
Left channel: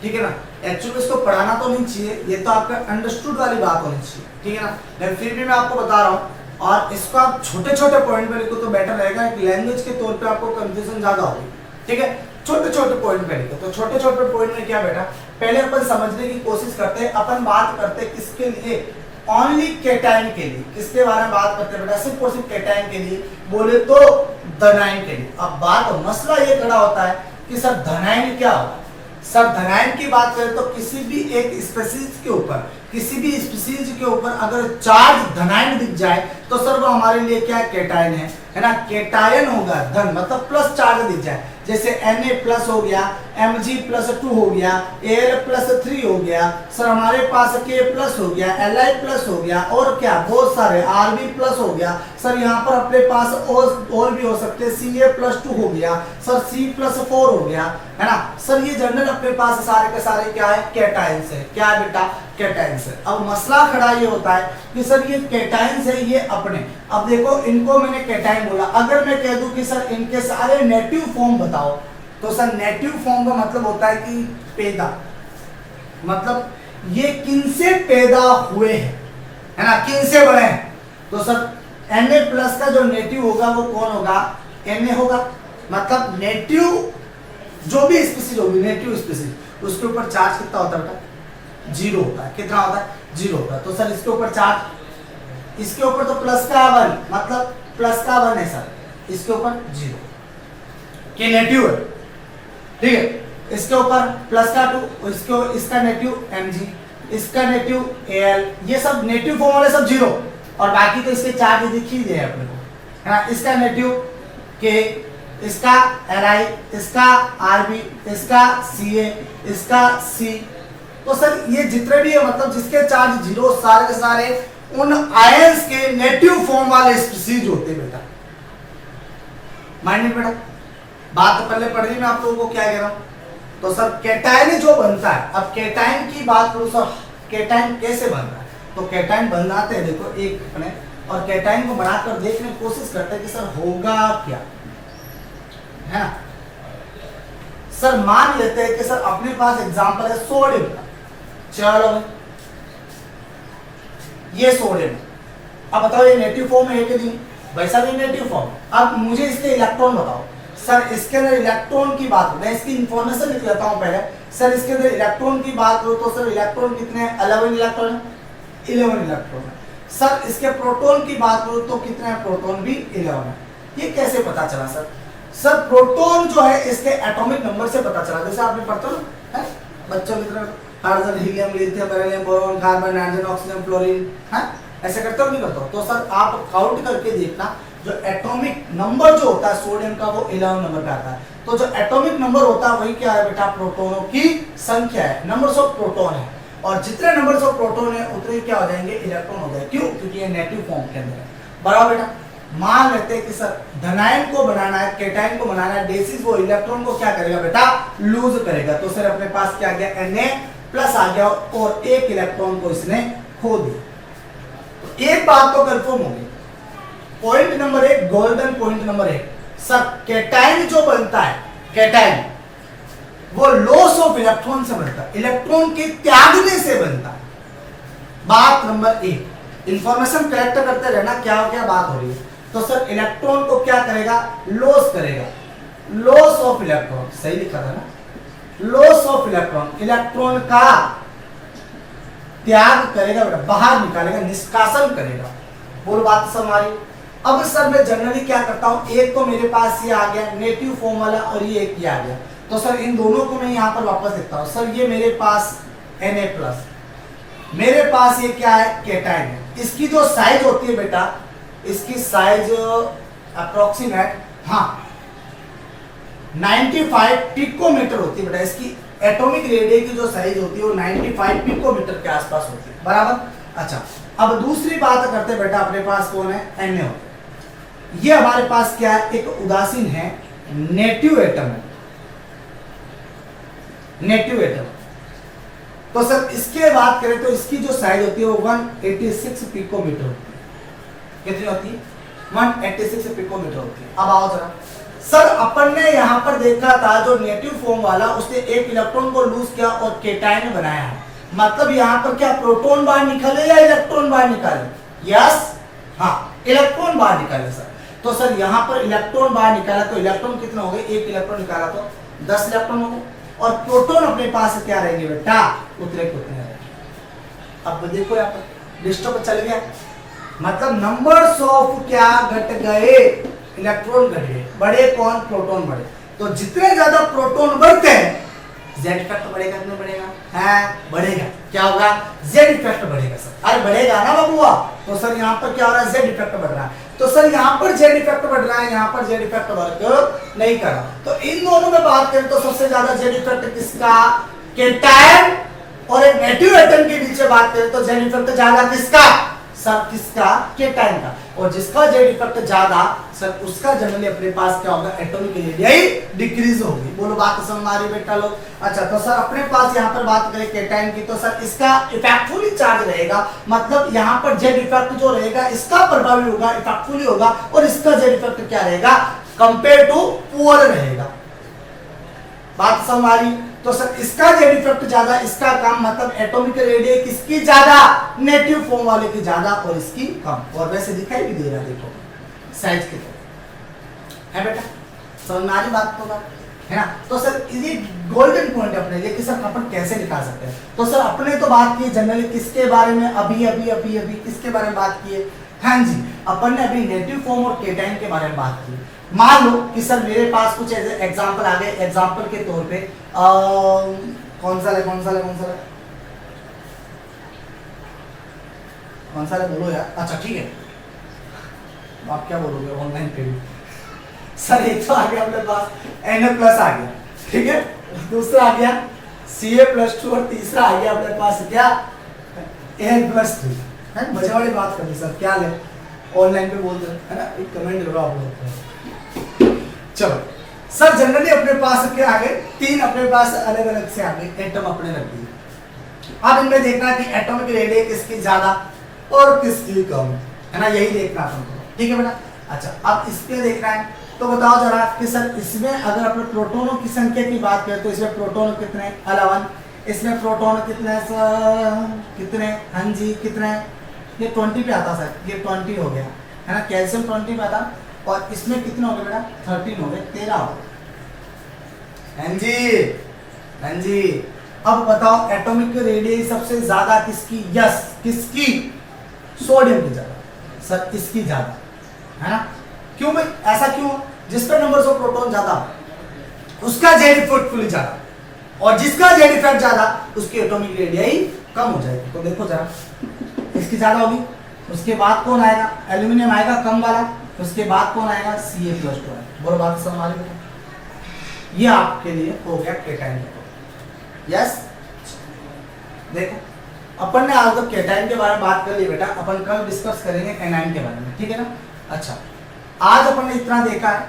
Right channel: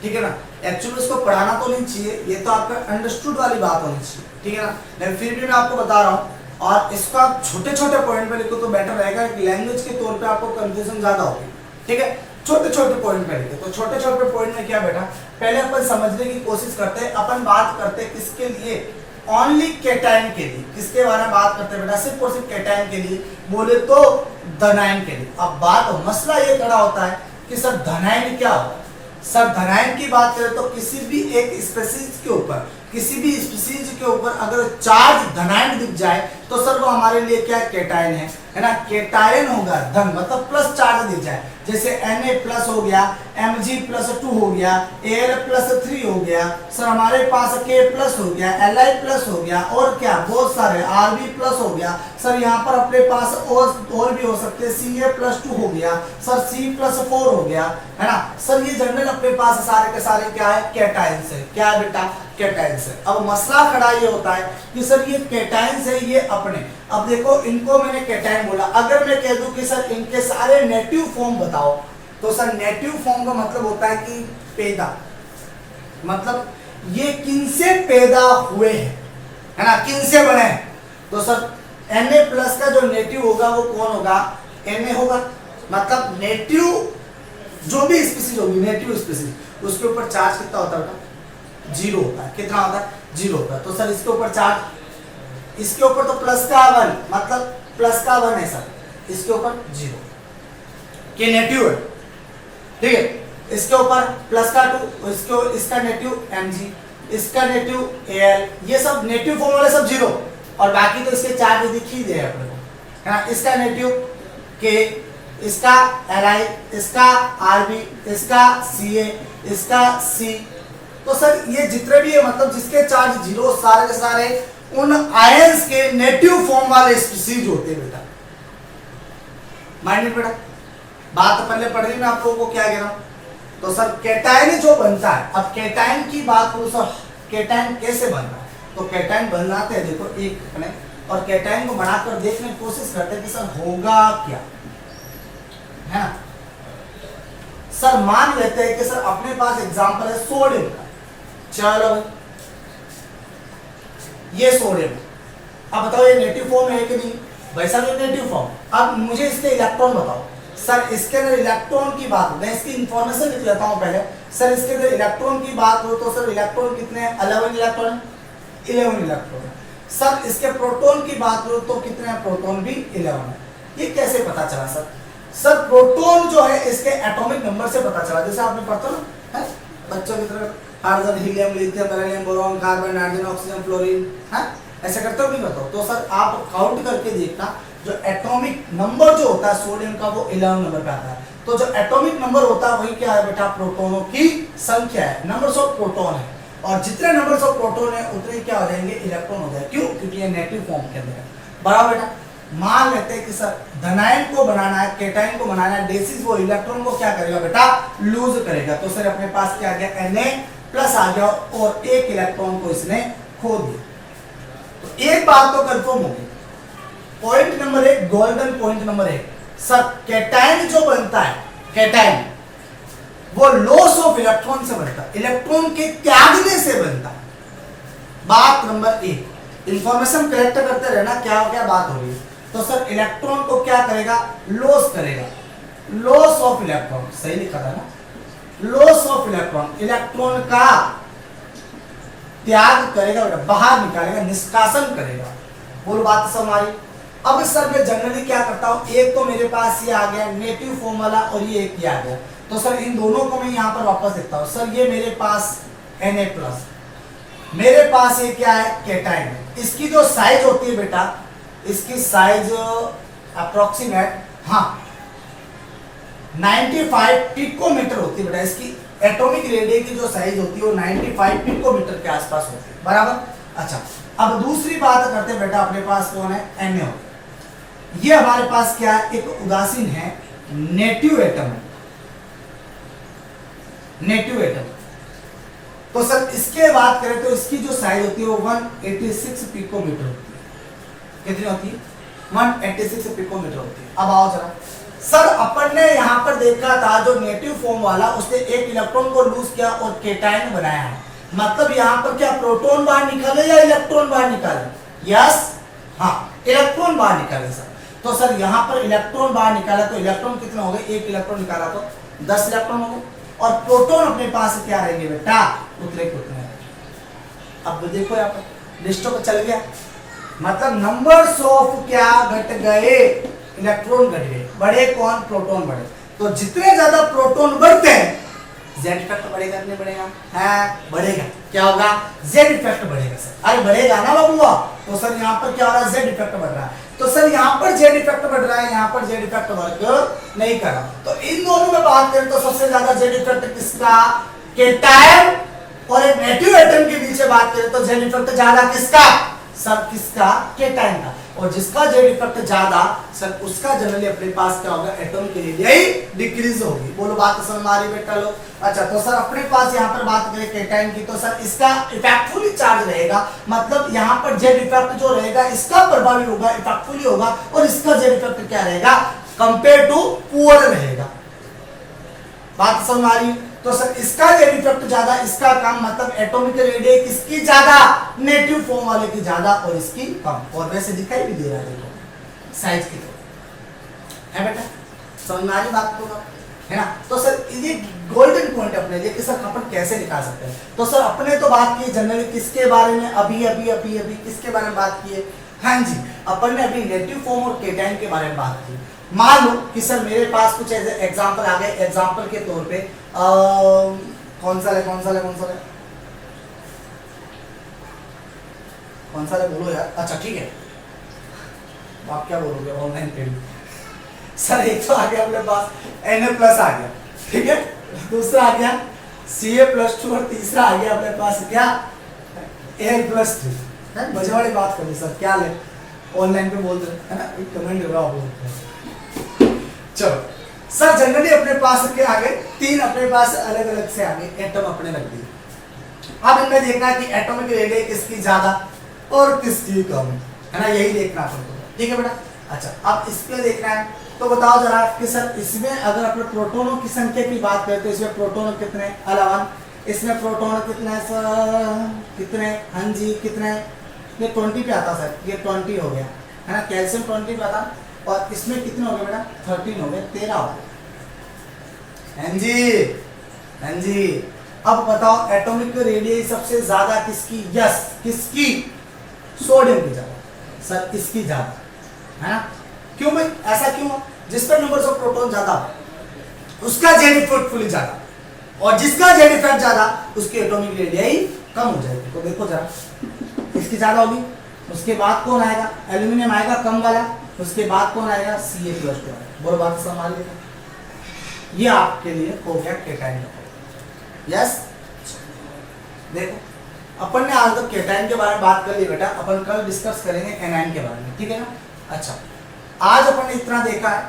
ठीक है ना। एक्चुअली इसको पढ़ाना तो नहीं चाहिए, ये तो आपका अंडरस्टूड वाली बात होनी चाहिए, ठीक है ना। लेकिन फिर भी मैं आपको बता रहा हूँ, और इसको आप छोटे छोटे पॉइंट में लिखो तो बेटर रहेगा, एक लैंग्वेज के तौर पे आपको कंफ्यूजन ज्यादा होगी, ठीक है। छोटे छोटे पॉइंट पे लिखे, तो छोटे छोटे पॉइंट में क्या बेटा, पहले अपन समझने की कोशिश करते हैं। अपन बात करते हैं किसके लिए, ओनली कैटायन के लिए। किसके बारे में बात करते हैं बेटा, सिर्फ और सिर्फ कैटायन के लिए, बोले तो धनायन के लिए। अब बात मसला ये खड़ा होता है कि सर धनायन क्या होगा। सर धनायन की बात करें तो किसी भी एक स्पीशीज के ऊपर, किसी भी स्पीसीज के ऊपर अगर चार्ज धनायन दिख जाए तो सर वो हमारे लिए क्या कैटायन है ना। कैटायन होगा धन मतलब प्लस चार्ज दिख जाए, जैसे Na प्लस हो गया, Mg प्लस 2 हो गया, Al प्लस 3 हो गया, सर हमारे पास K प्लस हो गया, Li प्लस हो गया, और क्या बहुत सारे Rb प्लस हो गया, सर यहाँ पर अपने पास और भी हो सकते हैं, Ca प्लस 2 हो गया, सर C प्लस 4 हो गया, है ना। सर ये जनरल अपने पास सारे के सारे क्या है कैटायंस है। क्या है बेटा कैटायंस है। अब मसला खड़ा ये होता है कि सर ये कैटायंस है ये अपने, अब देखो इनको मैंने कैटायन बोला, अगर मैं कह दूं कि सर इनके सारे नेटिव फॉर्म बताओ तो सर नेटिव फॉर्म का मतलब होता है कि पैदा, मतलब ये किनसे पैदा हुए हैं, है ना, किनसे बने हैं। तो सर Na प्लस का जो नेटिव होगा वो कौन होगा, Na होगा। मतलब नेटिव जो भी स्पीसीज होगी, नेटिव स्पीसीज, उसके ऊपर चार्ज कितना होता है बेटा, 0 होता है। कितना होता है, 0 होता है। तो सर इसके ऊपर चार्ज, इसके ऊपर तो प्लस का 1, मतलब प्लस का 1 है सर, इसके ऊपर 0 के नेटिव है, ठीक है। इसके ऊपर प्लस का 2, इसका नेटिव Mg, इसका नेटिव Al, ये सब नेटिव फॉर्म वाले सब 0, और बाकी तो इसके चार्ज दिख ही दिए अपने को, है ना। इसका नेटिव K, इसका Li, इसका Rb, इसका Ca, इसका C। तो सर ये जितने भी है मतलब जिसके चार्ज 0, सारे के सारे उन आयंस के नेटिव फॉर्म वाले स्पीसीज होते हैं बेटा। माइंड बेटा, बात तो पहले पढ़ ली मैं आप लोगों को, क्या कह रहा हूं। तो सर कैटायन जो बनता है, अब कैटायन की बात करूं सर, कैटायन कैसे बन रहा है, तो कैटायन बनाते हैं देखो एक अपने, और कैटायन को बनाकर देखने की कोशिश करते हैं कि सर होगा क्या, है ना। सर मान लेते हैं कि सर अपने पास एग्जांपल है सोडियम का, चलो ये सोडियम, अब बताओ ये नेटिव फॉर्म है कि नहीं, वैसा भी नेटिव फॉर्म। अब मुझे इसके इलेक्ट्रॉन बताओ सर, इसके अंदर इलेक्ट्रॉन की बात, मैं इसकी इंफॉर्मेशन लिख लेता हूं पहले। सर इसके अंदर इलेक्ट्रॉन की बात करो तो सर इलेक्ट्रॉन कितने हैं, 11 इलेक्ट्रॉन, 11 इलेक्ट्रॉन है। सर इसके प्रोटॉन की बात करो तो कितने हैं, प्रोटॉन भी 11 है। ये कैसे पता चला सर, सर प्रोटॉन जो है इसके एटॉमिक नंबर से पता चला, जैसे आपने पढ़ता ना बच्चों की तरह hydrogen, helium, lithium, beryllium, boron, carbon, nitrogen, oxygen, fluorine, है ऐसे करते हो नहीं करते हो। तो सर आप काउंट करके देखना, जो एटॉमिक नंबर जो होता है सोडियम का वो 11 नंबर का आता है। तो जो एटॉमिक नंबर होता है वही क्या है बेटा, प्रोटॉनों की संख्या है, नंबर्स ऑफ प्रोटॉन है, और जितने नंबर्स ऑफ प्रोटॉन है उतने क्या हो जाएंगे, इलेक्ट्रॉन हो जाए। क्यों, क्योंकि ये नेटिव फॉर्म के अंदर है। बराबर बेटा, मान लेते हैं कि सर धनायन को बनाना है, कैटायन को बनाना है, बेसिस वो इलेक्ट्रॉन को क्या करेगा बेटा, लूज करेगा। तो सर अपने पास क्या आ गया, Na प्लस आ गया, और एक इलेक्ट्रॉन को इसने खो दिया। तो एक बात तो कंफर्म होगी, point number 1, golden point number 1, sir cation जो बनता है, कैटायन वो लॉस ऑफ इलेक्ट्रॉन से बनता है, इलेक्ट्रॉन के त्यागने से बनता है। बात नंबर 1, इंफॉर्मेशन कलेक्ट करते रहना क्या क्या बात हो रही है। तो सर इलेक्ट्रॉन को क्या करेगा, लॉस करेगा, लॉस ऑफ इलेक्ट्रॉन, सही लिखा था ना, लॉस ऑफ इलेक्ट्रॉन, इलेक्ट्रॉन का त्याग करेगा बेटा, बाहर निकालेगा, निष्कासन करेगा। बोलो बात समझ आ रही। अब सर मैं जनरली क्या करता हूं, एक तो मेरे पास ये आ गया नेटिव फॉर्म वाला, और ये एक ये आ गया। तो सर इन दोनों को मैं यहां पर वापस लिखता हूं। सर ये मेरे पास Na+, मेरे पास ये क्या है, कैटायन है। इसकी जो साइज होती है बेटा, इसकी साइज अप्रोक्सीमेट 95 पिकोमीटर होती है बेटा। इसकी एटॉमिक रेडियस की जो साइज होती है वो 95 पिकोमीटर के आसपास होती है। बराबर। अच्छा, अब दूसरी बात करते हैं बेटा, अपने पास कौन है, Na होता है। ये हमारे पास क्या है, एक उदासीन है, नेटिव एटम है, नेटिव एटम। तो सर इसके बात करें तो इसकी जो साइज होती है वो 186 पिकोमीटर होती है। कितनी होती है, 186 पिकोमीटर होती है। अब आओ जरा, सर अपन ने यहां पर देखा था जो नेटिव फॉर्म वाला, उसने एक इलेक्ट्रॉन को लूज किया और कैटायन बनाया है। मतलब यहां पर क्या प्रोटॉन बाहर निकले या इलेक्ट्रॉन बाहर निकाले, यस हाँ इलेक्ट्रॉन बाहर निकाले सर। तो सर यहां पर इलेक्ट्रॉन बाहर निकाला, तो इलेक्ट्रॉन कितने हो गए, एक इलेक्ट्रॉन निकाला तो 10 इलेक्ट्रॉन हो गए, और प्रोटॉन अपने पास क्या रहेंगे बेटा, उतने को उतने। अब देखो यहाँ पर लिस्टों पर चल गया, मतलब नंबर्स ऑफ क्या घट गए, इलेक्ट्रॉन घट गए, बड़े कौन, प्रोटॉन बढ़े। तो जितने ज्यादा प्रोटॉन बढ़ते हैं जेड इफेक्ट बढ़ेगा कि नहीं बढ़ेगा? है बढ़ेगा। क्या होगा? जेड इफेक्ट बढ़ेगा सर। अरे बढ़ेगा ना बबुआ, तो सर यहाँ पर क्या हो रहा है? जेड इफेक्ट बढ़ रहा है। तो सर यहाँ पर जेड इफेक्ट बढ़ रहा है, यहाँ पर जेड इफेक्ट वर्क नहीं कर रहा। तो इन दोनों में बात करें तो सबसे ज्यादा जेड इफेक्ट किसका? केटायन और एक नेगेटिव एटम के बीच में बात करें तो जेड इफेक्ट ज्यादा किसका? सर किसका? केटायन का। और जिसका जेड इफेक्ट ज्यादा सर उसका जनरली अपने पास क्या होगा? एटॉमिक रेडियस डिक्रीज होगी। बोलो बात समझ में आ रही बेटा लोग? अच्छा तो सर अपने पास यहाँ पर बात करें केटायन की तो सर इसका इफेक्टफुली चार्ज रहेगा, मतलब यहाँ पर जेड इफेक्ट जो रहेगा इसका प्रभावी होगा, इफेक्टफुली होगा, और इसका जेड इफेक्ट क्या रहेगा? कंपेयर टू पुअर रहेगा। बात समझ में आ रही? तो सर इसका जेड इफेक्ट ज्यादा, इसका कम, मतलब एटॉमिक रेडियस किसकी ज्यादा? नेगेटिव फॉर्म वाले की ज्यादा और इसकी कम। और वैसे दिखाई भी दे रहा है, देखो साइज की है बेटा। समझ में आ रही बात को ना? है ना? तो सर ये गोल्डन पॉइंट अपने लिए कि सर अपन कैसे निकाल सकते हैं। तो सर अपने तो बात की जनरली किसके बारे में? अभी किसके बारे में बात की है? हाँ जी, अपन ने अभी नेगेटिव फॉर्म और केटायन के बारे में बात की। मान लो कि सर मेरे पास कुछ एग्जांपल आ गए। एग्जांपल के तौर पे कौन सा है बोलो यार। अच्छा ठीक है, आप क्या बोलोगे? Online payment. सर एक तो आ गया अपने पास Na+ आ गया, ठीक है, दूसरा आ गया Ca+2 और तीसरा आ गया अपने पास क्या? Al+3 है। मजे वाली बात कर सर, क्या ले ऑनलाइन पे बोलते हैं ना, एक कमेंट करो आप लोग। चलो सर जनरली अपने पास क्या आ गए? 3 अपने पास अलग अलग से आ गए एटम अपने रख दिए। अब इनमें देखना है कि एटॉमिक रेडियस किसकी ज्यादा और किसकी कम है ना, यही देखना अपन को, ठीक है बेटा। अच्छा अब इसमें देखना है तो बताओ जरा कि सर इसमें अगर अपने प्रोटॉनों की संख्या की बात करें तो इसमें प्रोटॉन कितने? 11। इसमें प्रोटॉन कितने सर? कितने? हाँ जी कितने? ये 20 पे आता सर, ये 20 हो गया है ना, कैल्शियम 20 पे आता। और इसमें कितने हो गए बेटा? 13 हो गए, 13 हो गए। हाँ जी हाँ जी। अब बताओ एटॉमिक रेडियस सबसे ज्यादा किसकी? यस किसकी? सोडियम की ज्यादा सर, इसकी ज्यादा है ना। क्यों भाई ऐसा क्यों? जिसका नंबर ऑफ प्रोटॉन ज्यादा उसका जेड इफेक्ट फुली ज्यादा, और जिसका जेड इफेक्ट ज्यादा उसकी एटॉमिक रेडियस कम हो जाएगी। तो देखो जरा, इसकी ज्यादा होगी, उसके बाद कौन आएगा? एल्यूमिनियम आएगा कम वाला, उसके बाद कौन आएगा? Ca+2। बोलो बात समझ में? ये आपके लिए हो गया केटायन का। यस देखो अपन ने आज तक केटायन के बारे में बात कर ली बेटा, अपन कल डिस्कस करेंगे एनायन के बारे में, ठीक है ना। अच्छा आज अपन ने इतना देखा है,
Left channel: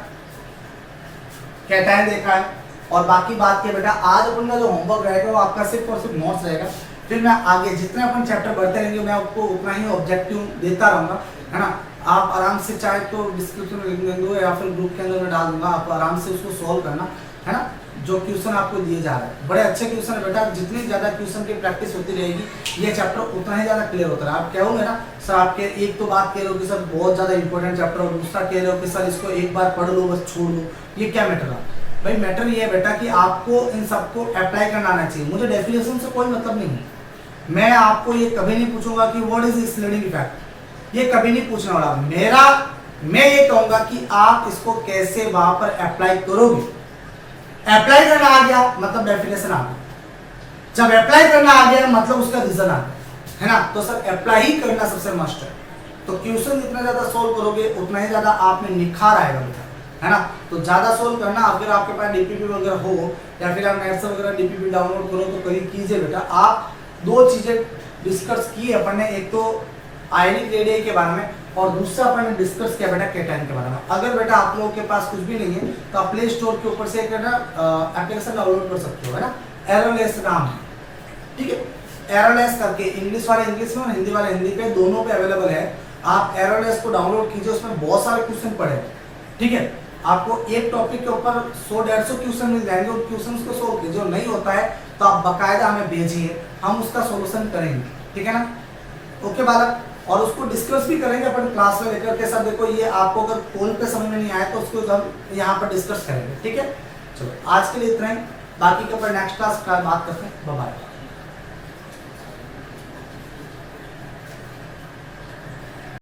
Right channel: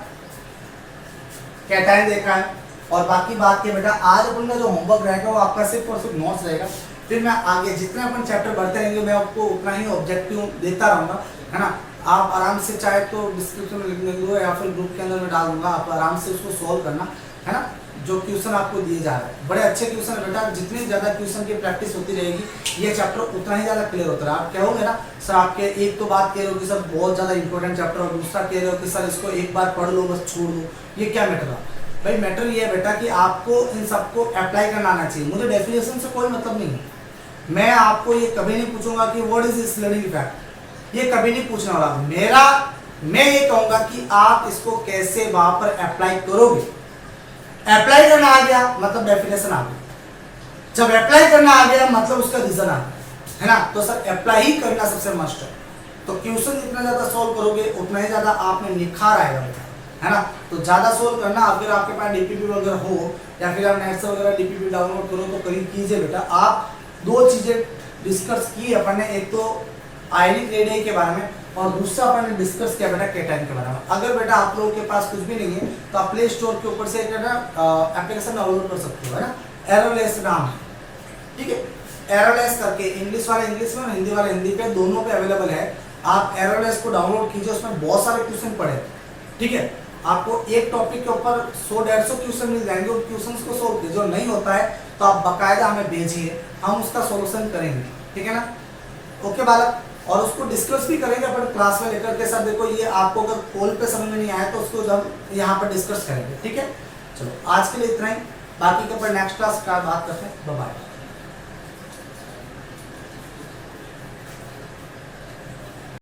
केटायन देखा है, और बाकी बात के बेटा आज अपन का जो होमवर्क रहेगा वो आपका सिर्फ और सिर्फ नोट्स रहेगा। फिर मैं आगे जितने अपन चैप्टर बढ़ते रहेंगे मैं आपको उतना ही ऑब्जेक्टिव देता रहूंगा, है ना। आप आराम से चाहे तो डिस्क्रिप्शन में लिंक दे दूंगा या फिर ग्रुप के अंदर में डाल दूंगा, आप आराम से उसको सॉल्व करना, है ना। जो क्वेश्चन आपको दिए जा रहे हैं बड़े अच्छे क्वेश्चन है बेटा, जितनी ज्यादा क्वेश्चन की प्रैक्टिस होती रहेगी ये चैप्टर उतना ही ज्यादा क्लियर होता है। आप कहोगे ना सर आपके एक तो बात कह रहे हो कि सर बहुत ज्यादा इंपॉर्टेंट चैप्टर, और दूसरा कह रहे हो कि सर इसको एक बार पढ़ लो बस छोड़ दो, ये क्या मैटर है भाई? मैटर ये है बेटा कि आपको इन सबको अप्लाई करना आना चाहिए। मुझे डेफिनेशन से कोई मतलब नहीं है, मैं आपको ये कभी नहीं पूछूंगा कि व्हाट इज स्लेडिंग इफेक्ट, ये कभी नहीं पूछने वाला। मैं ये कहूंगा कि आप इसको कैसे वहां पर अप्लाई करोगे। अप्लाई करना आ गया मतलब डेफिनेशन आ गया, जब अप्लाई करना आ गया मतलब उसका रीजन आ गया, है ना। तो सर अप्लाई ही करना सबसे मस्ट है। तो क्वेश्चन जितना ज्यादा सोल्व करोगे उतना ही ज्यादा आप में निखार आएगा बेटा, है ना। तो ज्यादा सोल्व करना, अगर आपके पास डीपीपी वगैरह हो या फिर आप नेट से वगैरह डीपीपी डाउनलोड करो तो कहीं कीजिए बेटा। आप 2 चीजें डिस्कस की अपन ने, एक तो आयनिक रेडियस के बारे में और दूसरा अपन ने डिस्कस किया बेटा केटायन के बारे में। अगर बेटा आप लोगों के पास कुछ भी नहीं है तो आप प्ले स्टोर के ऊपर से एक एप्लीकेशन डाउनलोड कर सकते हो, है ना, एरोलेस नाम, ठीक है। एरोलेस करके इंग्लिश वाले इंग्लिश में और हिंदी वाले हिंदी पे, दोनों पे अवेलेबल है। आप एरोलेस को डाउनलोड कीजिए, उसमें बहुत सारे क्वेश्चन पढ़े, ठीक है। आपको एक टॉपिक के ऊपर 100-150 क्वेश्चन मिल जाएंगे, उन क्वेश्चंस को सोल्व कीजिए। जो नहीं होता है तो आप बकायदा हमें भेजिए, हम उसका सोल्यूशन करेंगे, ठीक है ना। ओके बालक, और उसको डिस्कस भी करेंगे अपन क्लास में लेकर के सब। देखो ये आपको अगर कॉल पे समझ में नहीं आया तो उसको हम यहाँ पर डिस्कस करेंगे, ठीक है। चलो आज के लिए इतना ही, बाकी के अपन नेक्स्ट क्लास का बात करते हैं। Bye bye.